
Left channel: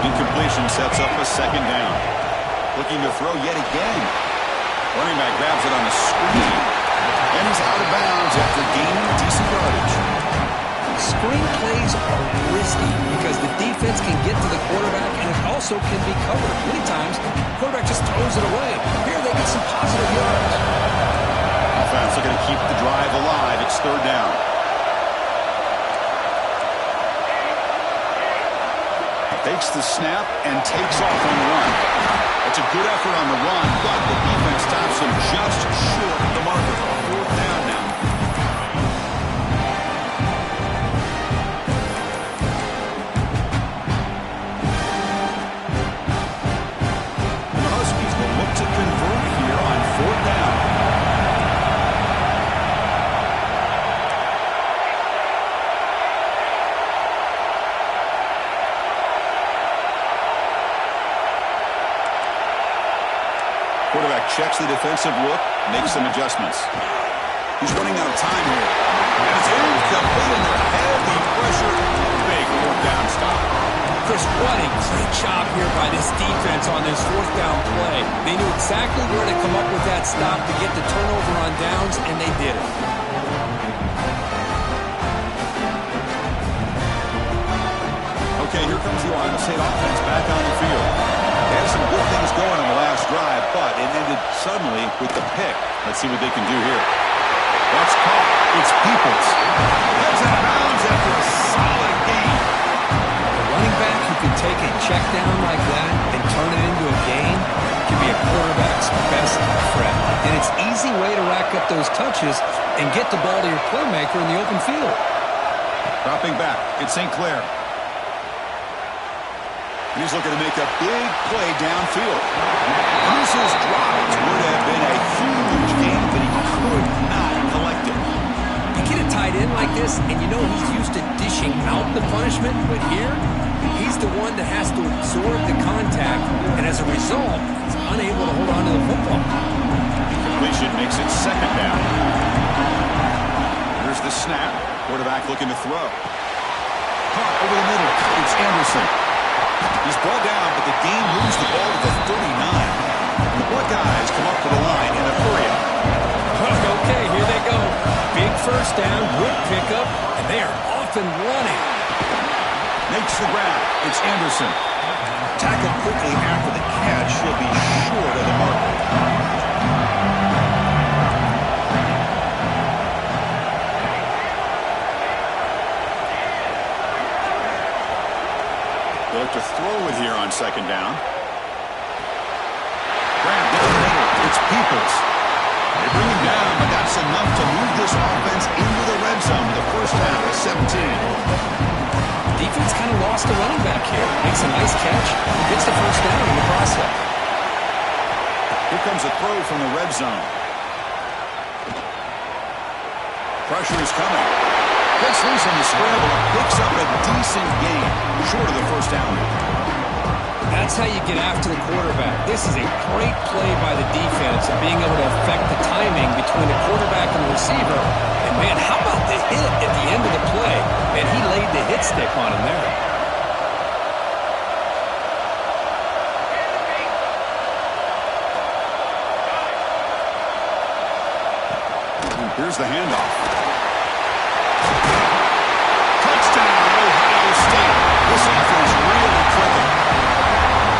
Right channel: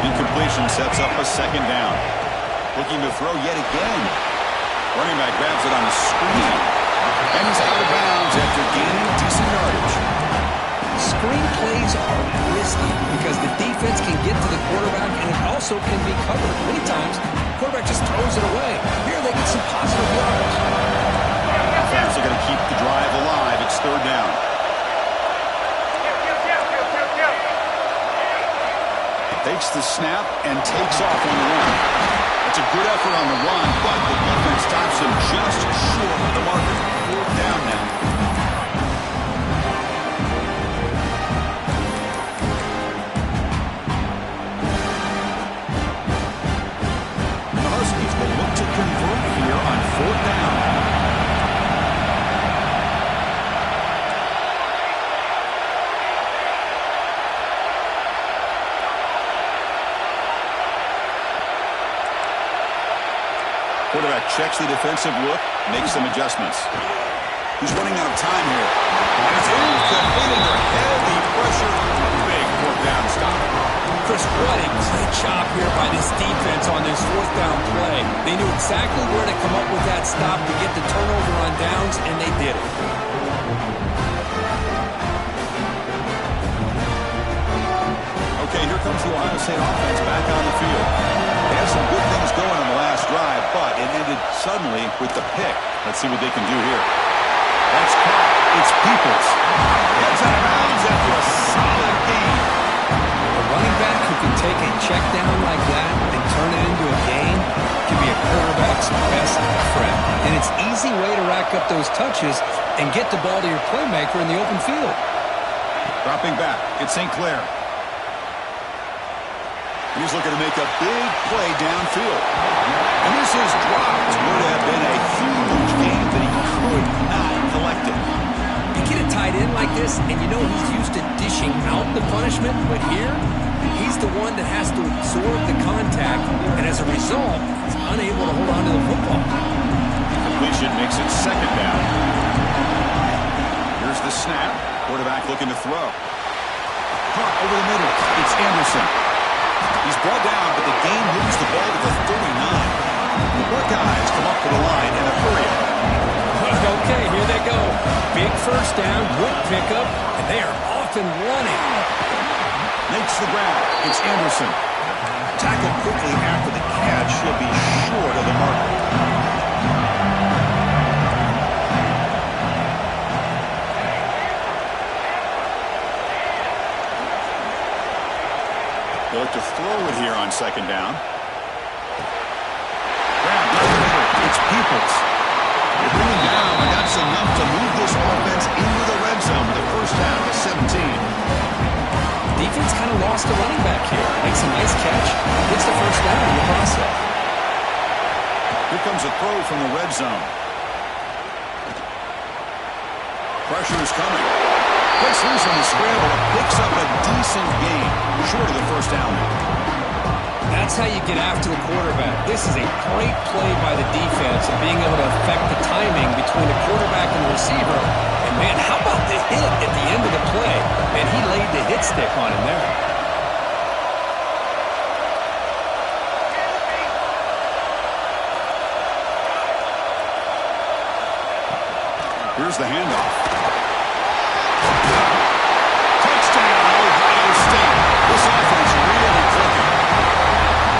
Incompletion sets up a 2nd down. Looking to throw yet again. Running back grabs it on a screen. And he's out of bounds after gaining decent yardage. Screen plays are risky because the defense can get to the quarterback and it also can be covered. Many times, the quarterback just throws it away. Here they get some positive yards. Offense looking to keep the drive alive. It's 3rd down. Takes the snap and takes off on the run. That's a good effort on the run, but the defense stops him just short of the marker. 4th down now. And the Huskies will look to convert here on 4th down. Quarterback checks the defensive look, makes some adjustments. He's running out of time here. And it's incomplete under heavy pressure. A big 4th down stop. Chris, what a great job here by this defense on this 4th down play. They knew exactly where to come up with that stop to get the turnover on downs, and they did it. Okay, here comes the Ohio State offense back on the field. They had some good things going on the last drive, but it ended suddenly with the pick. Let's see what they can do here. That's caught. It's Peoples. Gets out of bounds after a solid gain. A running back who can take a check down like that and turn it into a gain can be a quarterback's best friend. And it's an easy way to rack up those touches and get the ball to your playmaker in the open field. Dropping back. It's St. Clair. And he's looking to make a big play downfield. And this is dropped. Would have been a huge gain, but he could not collect it. You get a tight end like this, and you know he's used to dishing out the punishment, but here, he's the one that has to absorb the contact, and as a result, he's unable to hold on to the football. Completion makes it 2nd down. Here's the snap. Quarterback looking to throw. Caught over the middle. It's Anderson. He's brought down, but the game moves the ball to the 39. The Buckeyes come up to the line in a hurry up. Okay, here they go. Big first down, good pickup, and they are off and running. Makes the grab. It's Anderson. Tackled quickly after the catch. He'll be short of the marker. They look to throw it here on 2nd down. Grab down the middle. It's Peoples. They bring him down, but that's enough to move this offense into the red zone with the first down at 17. Defense kind of lost the running back here. Makes a nice catch. Gets the first down in the process. Here comes a throw from the red zone. Pressure is coming. Gets loose on the scramble and picks up a decent gain. Short of the first down. That's how you get after the quarterback. This is a great play by the defense and being able to affect the timing between the quarterback and the receiver. And, man, how about the hit at the end of the play? Man, he laid the hit stick on him there. Here's the handoff. Touchdown, Ohio State. This offense really clicking.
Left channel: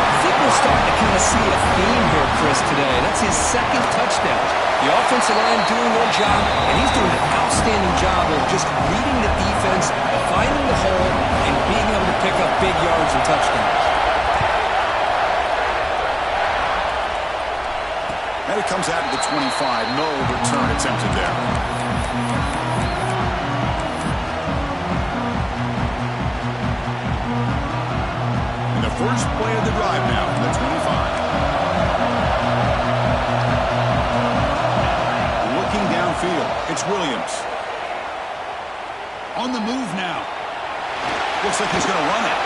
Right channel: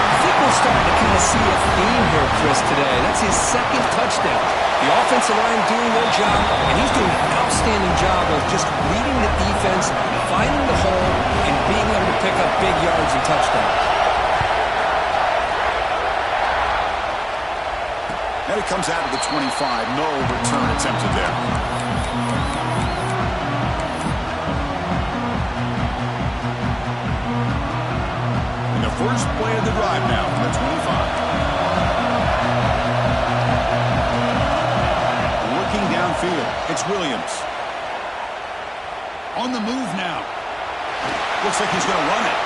I think we're starting to kind of see a theme here, Chris, today. That's his second touchdown. The offensive line doing their job, and he's doing an outstanding job of just reading the defense, finding the hole, and being able to pick up big yards and touchdowns. And it comes out to the 25. No return attempted there. And the first play of the drive now from the 25. Looking downfield, it's Williams. On the move now. Looks like he's going to run it.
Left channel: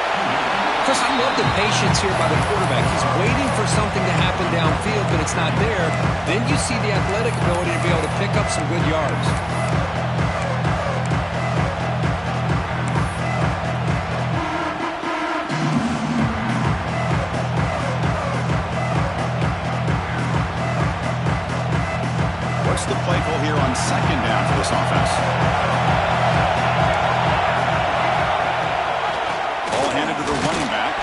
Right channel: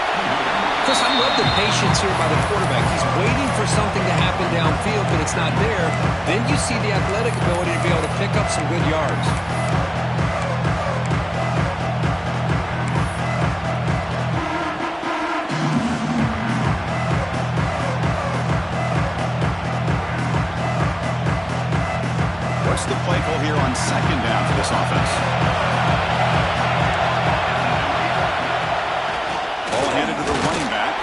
Chris, I love the patience here by the quarterback. He's waiting for something to happen downfield, but it's not there. Then you see the athletic ability to be able to pick up some good yards. What's the play call here on second down for this offense? Ball handed to the running back.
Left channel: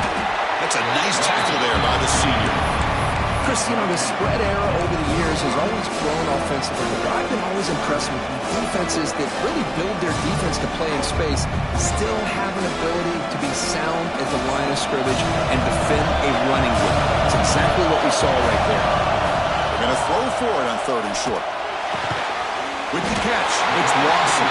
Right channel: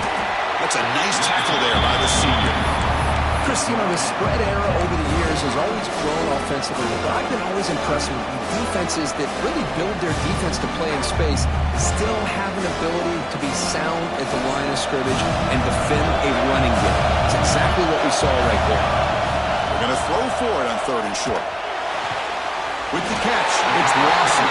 That's a nice tackle there by the senior. Chris, you know, the spread era over the years has always grown offensively, but I've been always impressed with defenses that really build their defense to play in space, still have an ability to be sound at the line of scrimmage and defend a running game. It's exactly what we saw right there. They're going to throw for it on third and short. With the catch, it's Lawson.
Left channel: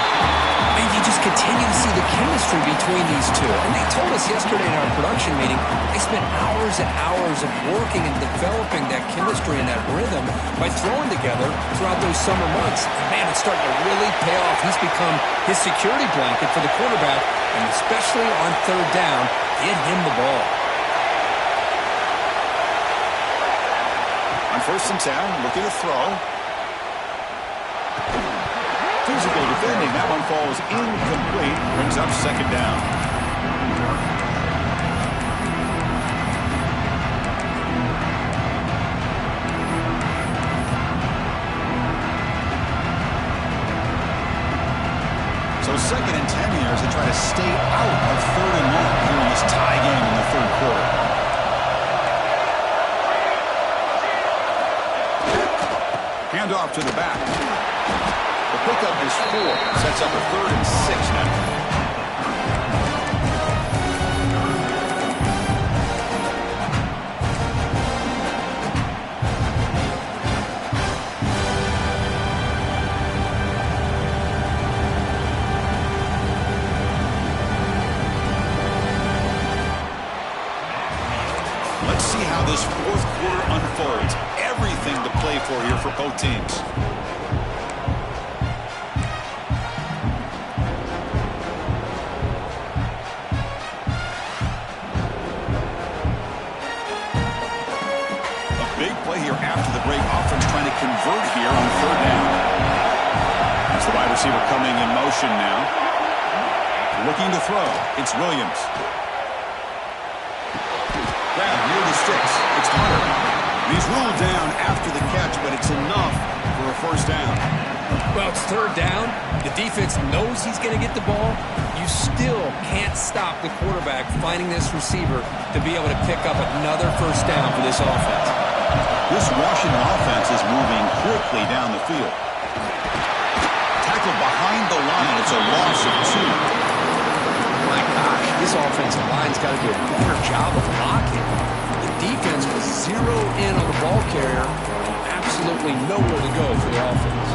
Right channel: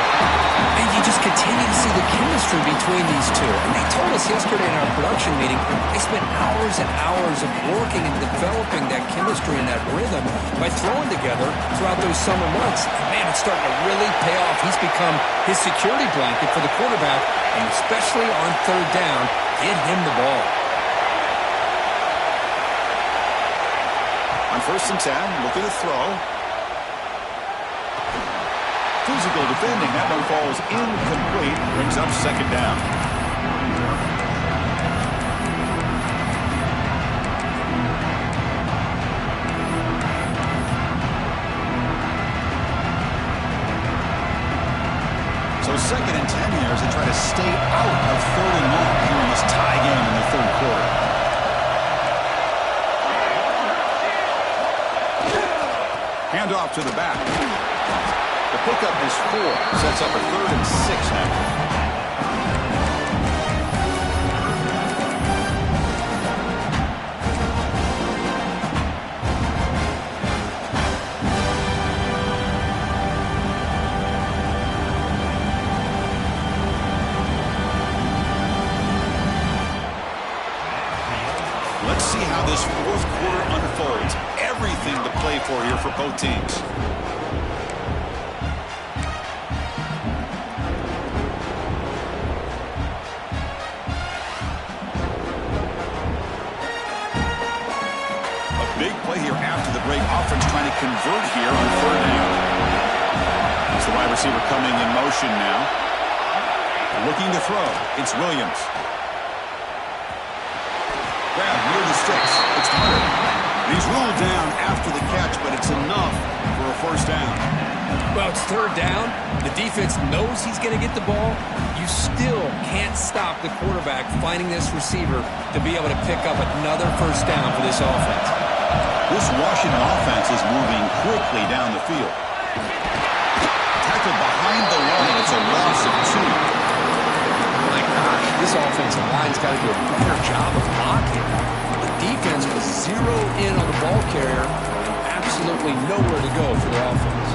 And you just continue to see the chemistry between these two. And they told us yesterday in our production meeting, they spent hours and hours of working and developing that chemistry and that rhythm by throwing together throughout those summer months. Man, it's starting to really pay off. He's become his security blanket for the quarterback, and especially on third down, get him the ball. On first and 10, looking to throw. Physical defending. That one falls incomplete. Brings up second down. So second and 10 here as they try to stay out of third and long here in this tie game in the third quarter. Handoff to the back. The pickup is 4. Sets up a third and 6 now. Let's see how this fourth quarter unfolds. Everything to play for here for both teams. Big play here after the break. Offense trying to convert here on third down. That's the wide receiver coming in motion now. Looking to throw. It's Williams. Grab near the sticks. It's Hunter. And he's ruled down after the catch, but it's enough for a first down. Well, it's third down. The defense knows he's going to get the ball. You still can't stop the quarterback finding this receiver to be able to pick up another first down for this offense. This Washington offense is moving quickly down the field. Tackled behind the line. It's a loss of 2. My gosh, this offensive line's got to do a better job of blocking. The defense was zeroed in on the ball carrier and absolutely nowhere to go for the offense.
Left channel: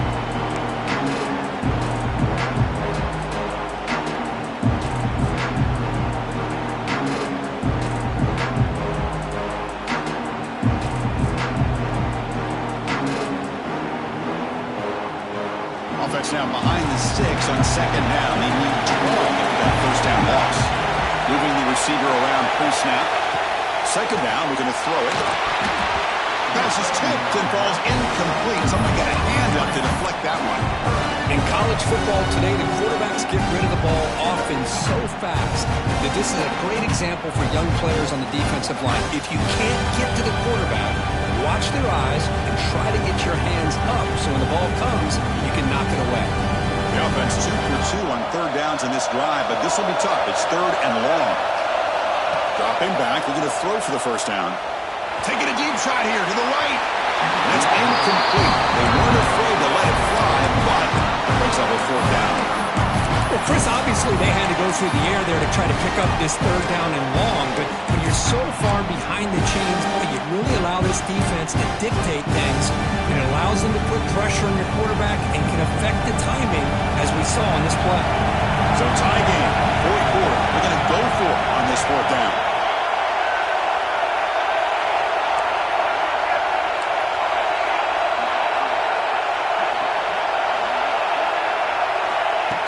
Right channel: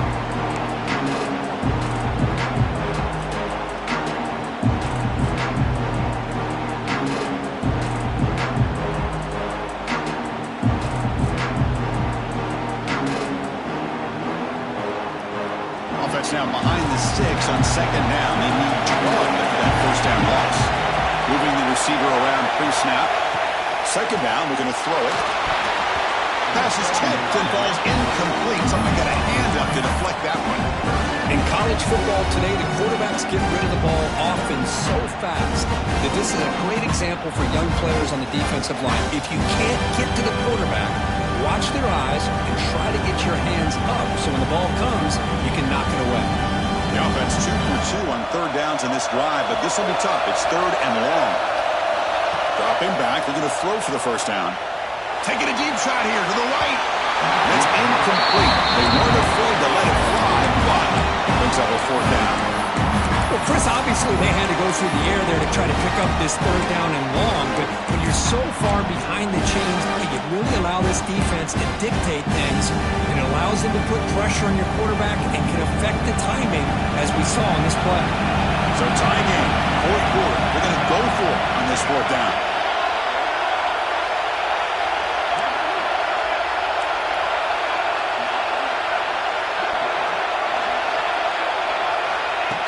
Offense now behind the 6 on second down. They need 12 after that first down loss. Moving the receiver around pre-snap. Second down, we're going to throw it. Pass is tipped and falls incomplete. Someone got a hand up to deflect that one. In college football today, the quarterbacks get rid of the ball often so fast that this is a great example for young players on the defensive line. If you can't get to the quarterback, watch their eyes and try to get your hands up so when the ball comes, you can knock it away. The offense 2 for 2 on third downs in this drive, but this will be tough. It's third and long. Dropping back, they're going to throw for the first down. Taking a deep shot here to the right. That's incomplete. They weren't afraid to let it fly, but it brings up a fourth down. Well, Chris, obviously they had to go through the air there to try to pick up this third down and long, but when you're so far behind the chains, you really allow this defense to dictate things, and it allows them to put pressure on your quarterback and can affect the timing, as we saw on this play. So tie game, fourth quarter. They're going to go for it on this fourth down.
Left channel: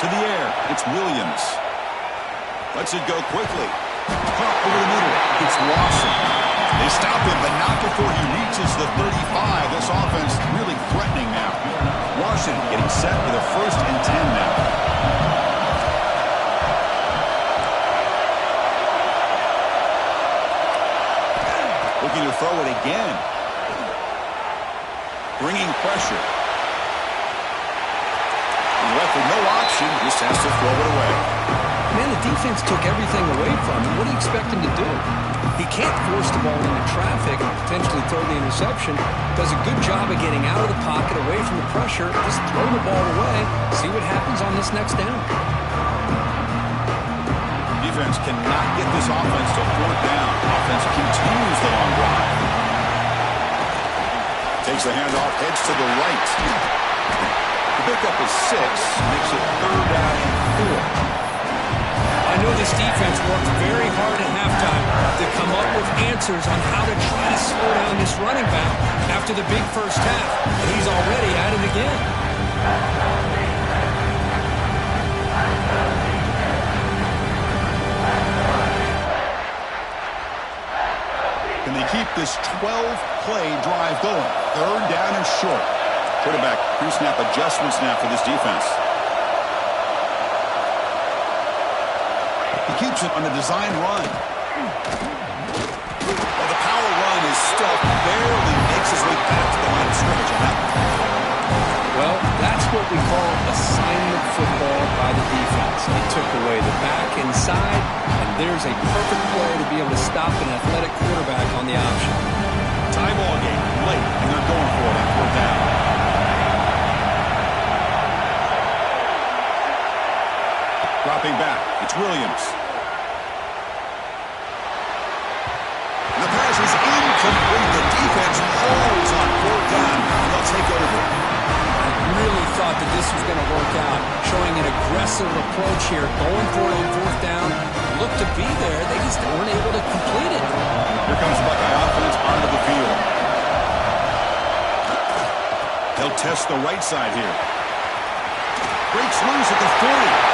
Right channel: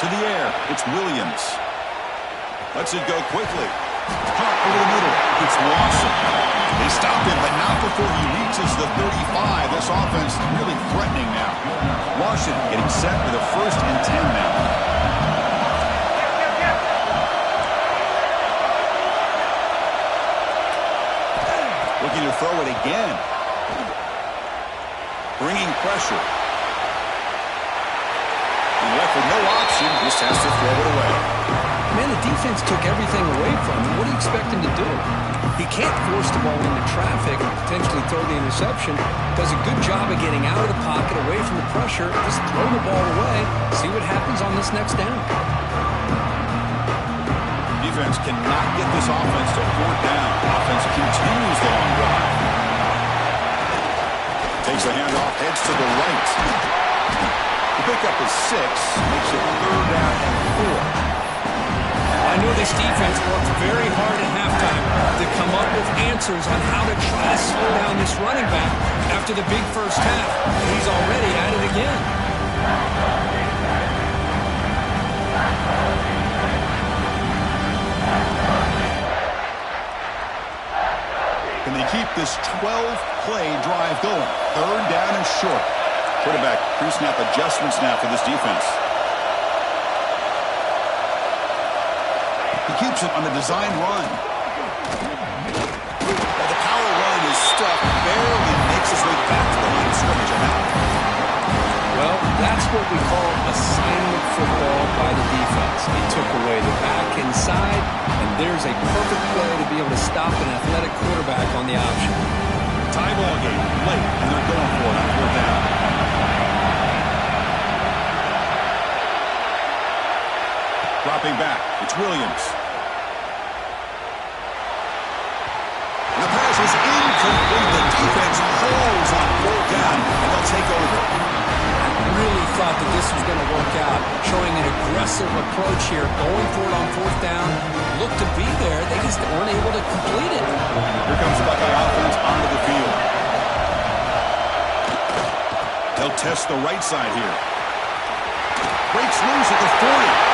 To the air, it's Williams. Lets it go quickly. Caught over the middle. It's Lawson. They stop him, but not before he reaches the 35. This offense really threatening now. Washington getting set with a 1st and 10 now. Looking to throw it again. Bringing pressure. And left with no option, just has to throw it away. Man, the defense took everything away from him. What do you expect him to do? He can't force the ball into traffic and potentially throw the interception. Does a good job of getting out of the pocket, away from the pressure. Just throw the ball away. See what happens on this next down. Defense cannot get this offense to fourth down. Offense continues the long drive. Takes the handoff, heads to the right. The pickup is 6, makes it third down and 4. I know this defense worked very hard at halftime to come up with answers on how to try to slow down this running back after the big first half. And he's already at it again. Can they keep this 12-play drive going? Third down and short. Quarterback pre-snap adjustments now for this defense. He keeps it on the design run. Well, the power run is stuffed, barely makes his way back to the line of scrimmage on that one. Well, that's what we call assignment football by the defense. They took away the back inside, and there's a perfect play to be able to stop an athletic quarterback on the option. Tie ball game, late, and they're going for it on fourth down. Dropping back, it's Williams. And the pass is incomplete. The defense holds on fourth down, and they'll take over. I really thought that this was going to work out, showing an aggressive approach here, going for it on fourth down. Looked to be there, they just weren't able to complete it. Here comes the Buckeye offense onto the field. They'll test the right side here. Breaks loose at the 40.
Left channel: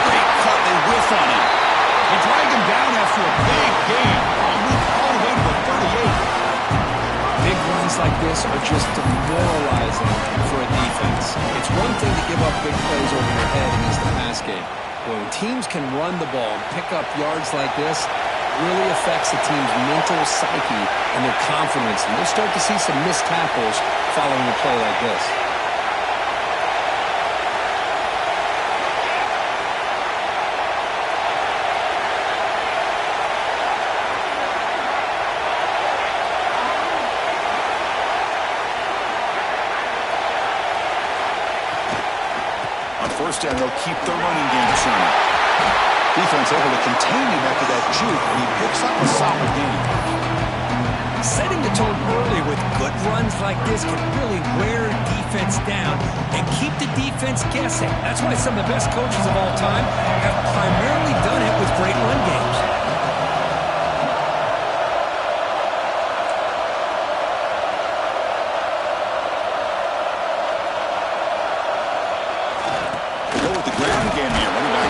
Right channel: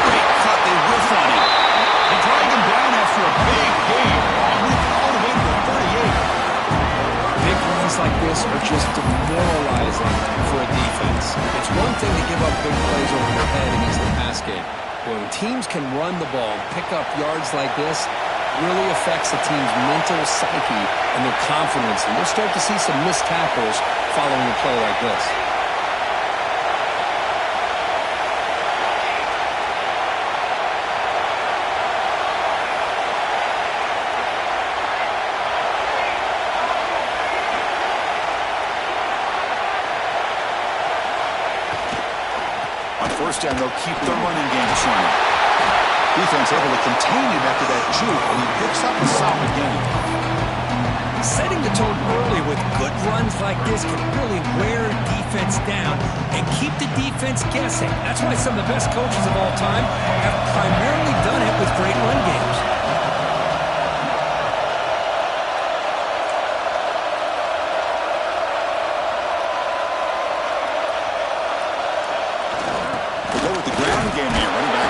Great cut, they whiff on him. They drag him down after a big game. Moved all the way to the 38. Big runs like this are just demoralizing for a defense. It's one thing to give up big plays over your head against the pass game. When teams can run the ball and pick up yards like this, it really affects the team's mental psyche and their confidence. And you'll start to see some missed tackles following a play like this. First down, they'll keep their running game running. Defense able to contain him after that juke, and he picks up a solid game. Setting the tone early with good runs like this can really wear defense down and keep the defense guessing. That's why some of the best coaches of all time have primarily done it with great run games.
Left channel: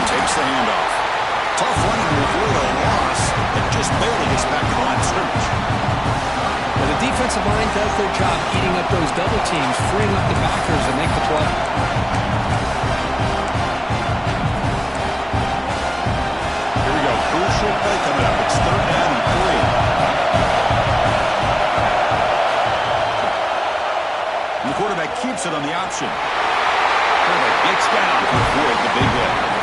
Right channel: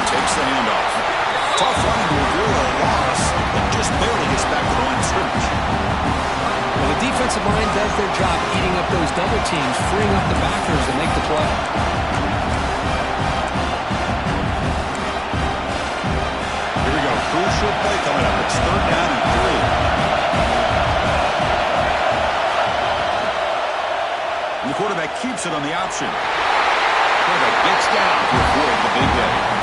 Takes the handoff. Tough running to avoid a loss, but just barely gets back to the line of scrimmage. Well, the defensive line does their job eating up those double teams, freeing up the backers to make the play. Here we go. Crucial play coming up. It's 3rd down and 3. And the quarterback keeps it on the option. Quarterback gets down to avoid the big hit.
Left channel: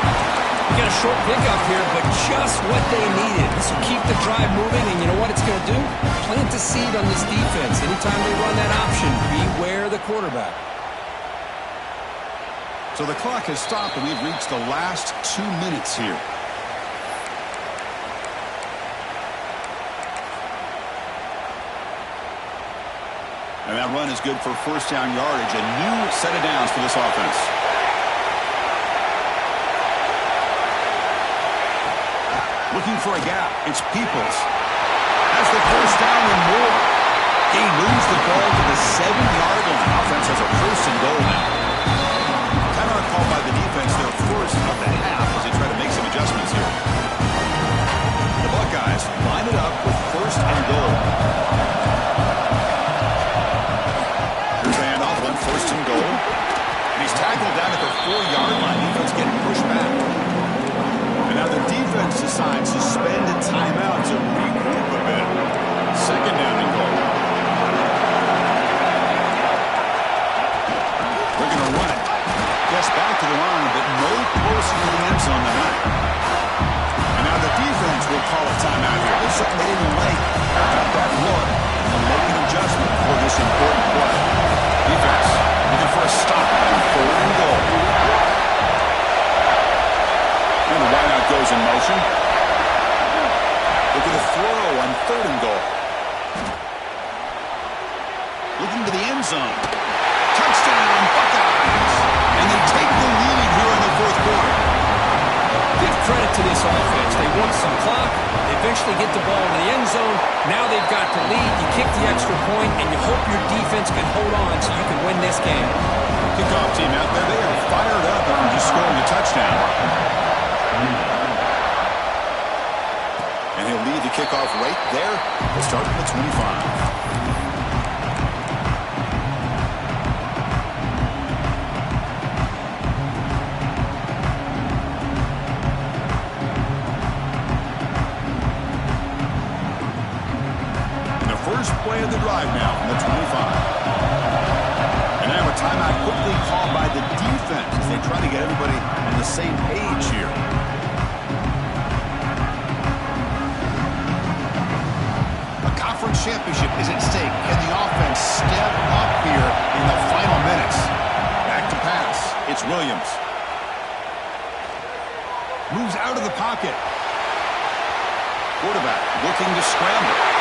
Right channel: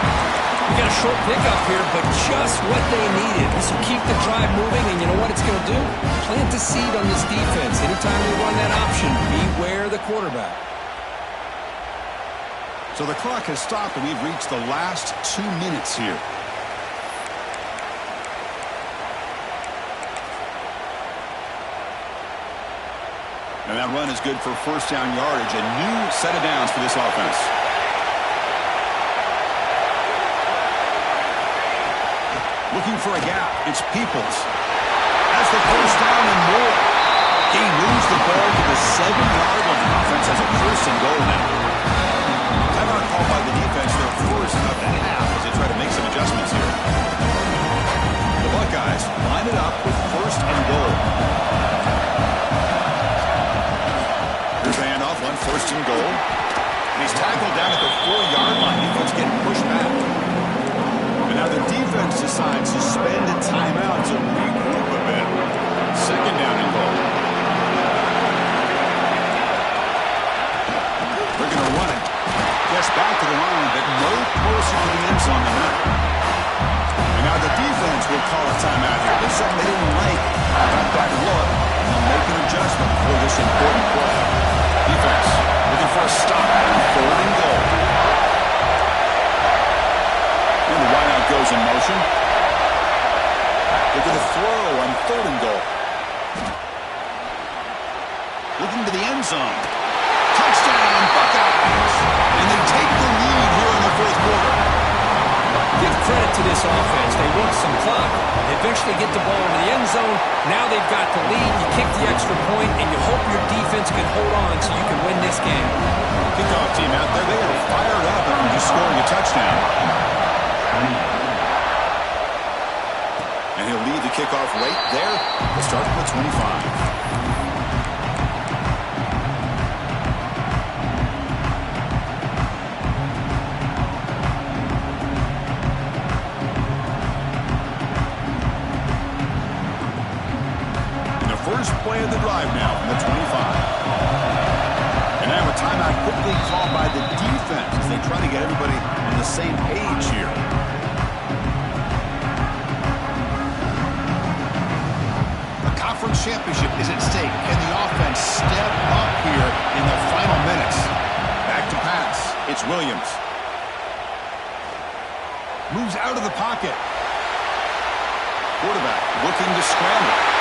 We got a short pickup here, but just what they needed. This will keep the drive moving, and you know what it's going to do? Plant a seed on this defense. Anytime they run that option, beware the quarterback. So the clock has stopped, and we've reached the last 2 minutes here. And that run is good for 1st down yardage. A new set of downs for this offense. Looking for a gap. It's Peoples. Has the 1st down and more. He moves the ball to the 7-yard line. Offense has a 1st and goal now. Timeout called by the defense. Their 1st of the half as they try to make some adjustments here. The Buckeyes line it up with 1st and goal. Here's the handoff. 1st and goal. And he's tackled down at the 4-yard line. Defense getting pushed back. And now the defense decides to spend a timeout to regroup a bit. 2nd down and goal. They're going to run it. Gets back to the line, but no closer to the end zone than that. And now the defense will call a timeout here. There's something they didn't like about that look, and they'll make an adjustment for this important play. Defense looking for a stop on 3rd and goal. And the wideout goes in motion. Look at the throw on 3rd and goal. Looking to the end zone. Touchdown, Buckeyes! And they take the lead here in the 4th quarter. Give credit to this offense. They work some clock. They eventually get the ball into the end zone. Now they've got the lead. You kick the extra point, and you hope your defense can hold on so you can win this game. Kickoff team out there. They are fired up after just scoring a touchdown. And he'll lead the kickoff right there. We'll start from the 25. First play of the drive now from the 25. And now a timeout quickly called by the defense as they try to get everybody on the same page here. A conference championship is at stake. Can the offense step up here in the final minutes? Back to pass. It's Williams. Moves out of the pocket. Quarterback looking to scramble.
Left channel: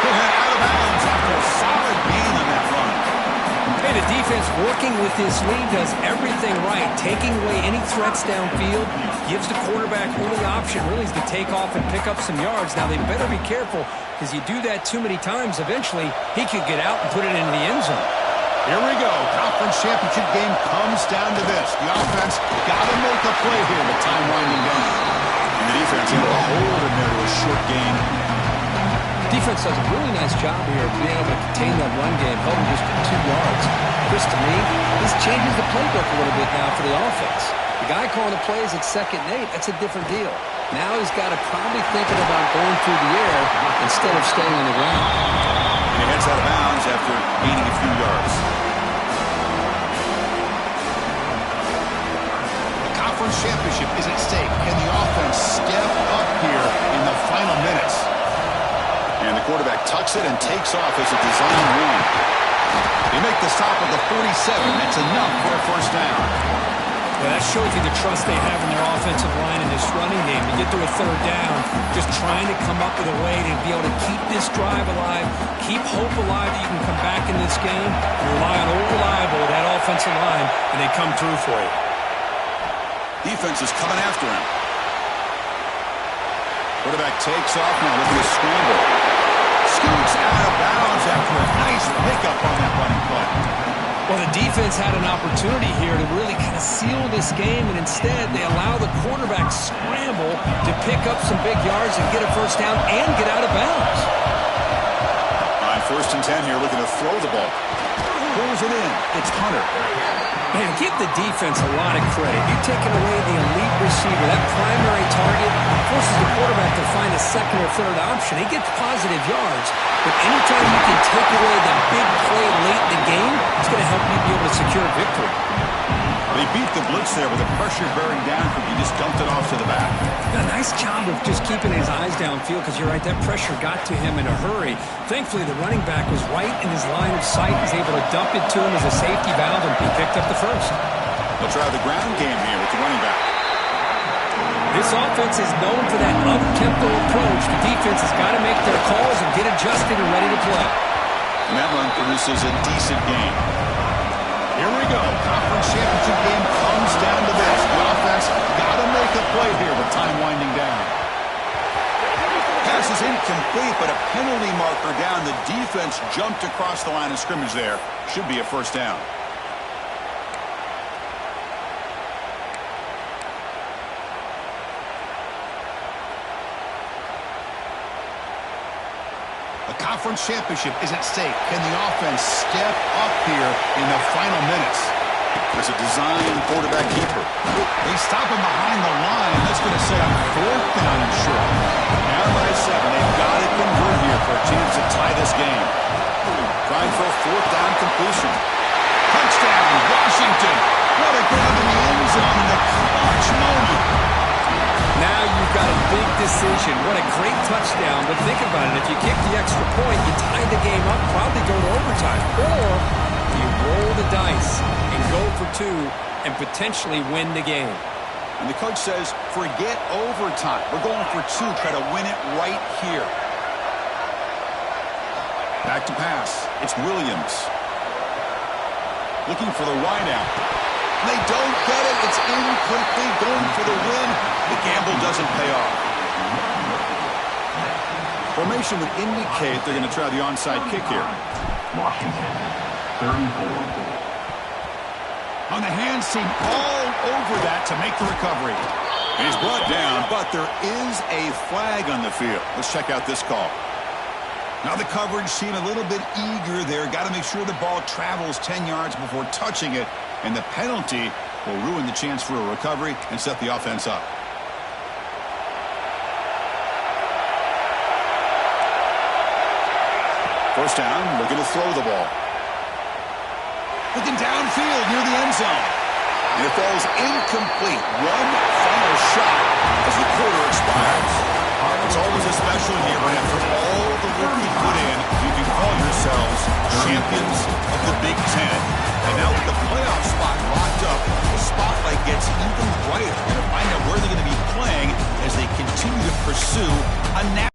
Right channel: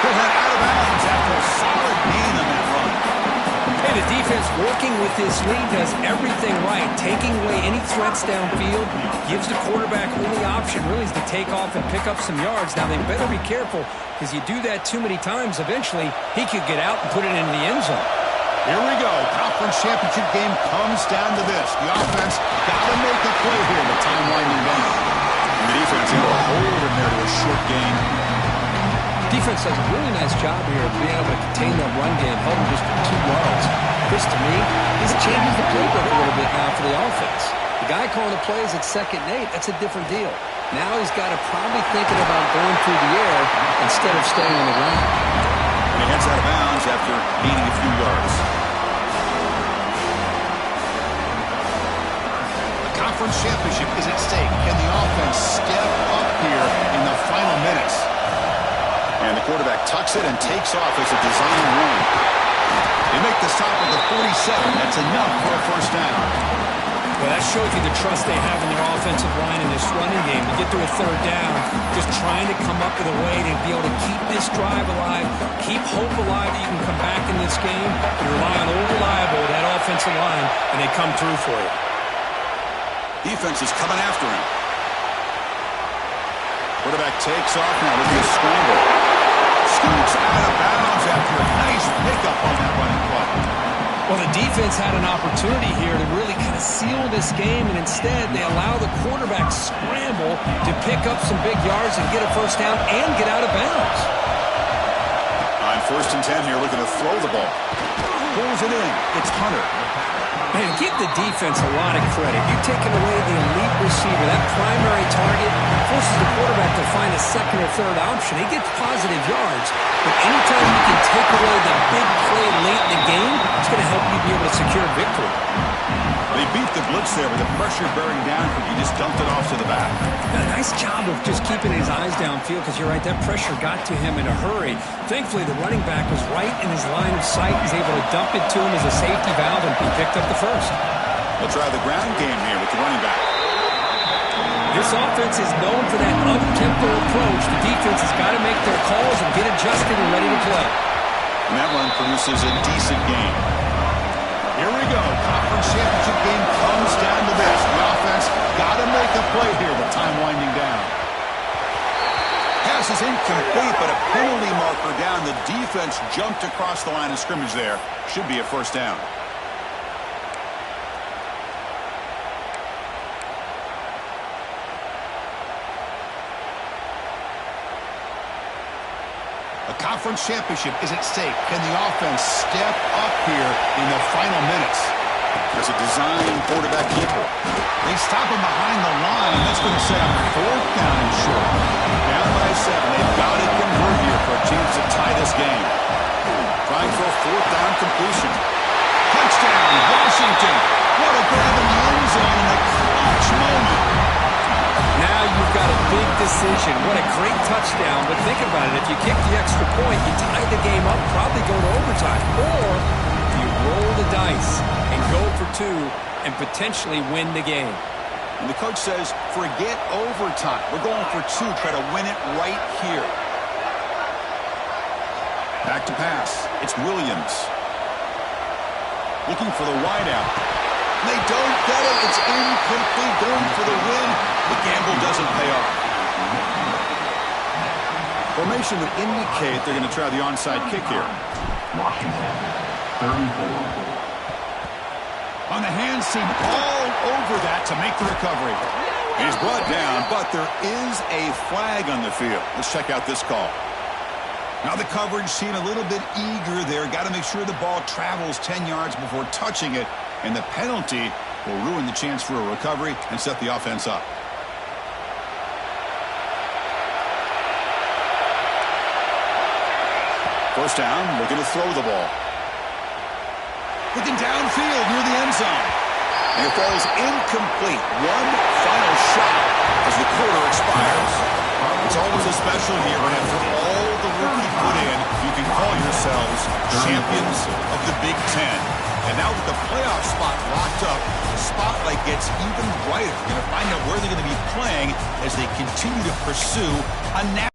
He'll head out of bounds after a solid gain on that run. Hey, the defense working with this lead does everything right. Taking away any threats downfield, gives the quarterback only option really is to take off and pick up some yards. Now, they better be careful because you do that too many times, eventually he could get out and put it into the end zone. Here we go. Conference championship game comes down to this. The offense got to make a play here with time winding down. And the defense able to hold in there to a short gain. Defense does a really nice job here of being able to contain that run game, held him just at 2 yards. Chris, to me, this changes the playbook a little bit now for the offense. The guy calling the plays at 2nd and 8, that's a different deal. Now he's got to probably thinking about going through the air instead of staying on the ground. And he heads out of bounds after gaining a few yards. The conference championship is at stake. Can the offense step up here in the final minutes? And the quarterback tucks it and takes off as a design run. They make the stop at the 47. That's enough for a 1st down. Well, that shows you the trust they have in their offensive line in this running game. To get to a third down, just trying to come up with a way to be able to keep this drive alive, keep hope alive that you can come back in this game. You rely on old reliable, that offensive line, and they come through for you. Defense is coming after him. Quarterback takes off now, looking to scramble. Scoots out of bounds after a nice pickup on that running play. Well, the defense had an opportunity here to really kind of seal this game, and instead they allow the quarterback scramble to pick up some big yards and get a first down and get out of bounds. On 1st and 10 here, looking to throw the ball. Pulls it in. It's Hunter. Man, give the defense a lot of credit. You've taken away the elite receiver. That primary target forces the quarterback to find a second or third option. He gets positive yards, but anytime you can take away the big play late in the game, it's going to help you be able to secure victory. They beat the blitz there with the pressure bearing down. He just dumped it off to the back. A nice job of just keeping his eyes downfield, because you're right, that pressure got to him in a hurry. Thankfully, the running back was right in his line of sight. He's able to dump it to him as a safety valve, and he picked up the first. They'll try the ground game here with the running back. This offense is known for that up-tempo approach. The defense has got to make their calls and get adjusted and ready to play. And that run produces a decent gain. Here we go. Conference championship game comes down to this. The offense got to make a play here with time winding down. Pass is incomplete, but a penalty marker down. The defense jumped across the line of scrimmage there. Should be a first down. A conference championship is at stake. Can the offense step up here in the final minutes? There's a design quarterback keeper. They stop him behind the line. That's going to set up 4th down and short. Down by 7. They've got to convert here for a chance to tie this game. Trying for a 4th down completion. Touchdown, Washington. What a grab in the end zone in a clutch moment. Now you've got a big decision. What a great touchdown. But think about it. If you kick the extra point, you tie the game up, probably go to overtime. Or you roll the dice and go for 2 and potentially win the game. And the coach says, forget overtime. We're going for 2. Try to win it right here. Back to pass. It's Williams. Looking for the wideout. They don't get it. It's incomplete. Going for the win. The gamble doesn't pay off. Formation would indicate they're going to try the onside kick here. Washington, 34. On the hands team, all over that to make the recovery. He's brought down, but there is a flag on the field. Let's check out this call. Now the coverage team a little bit eager there. Got to make sure the ball travels 10 yards before touching it. And the penalty will ruin the chance for a recovery and set the offense up. First down, looking to throw the ball. Looking downfield near the end zone. And it falls incomplete. One final shot as the quarter expires. It's always a special here when after all the work you put in, you can call yourselves champions of the Big Ten. And now with the playoff spot locked up, the spotlight gets even brighter. You're going to find out where they're going to be playing as they continue to pursue a national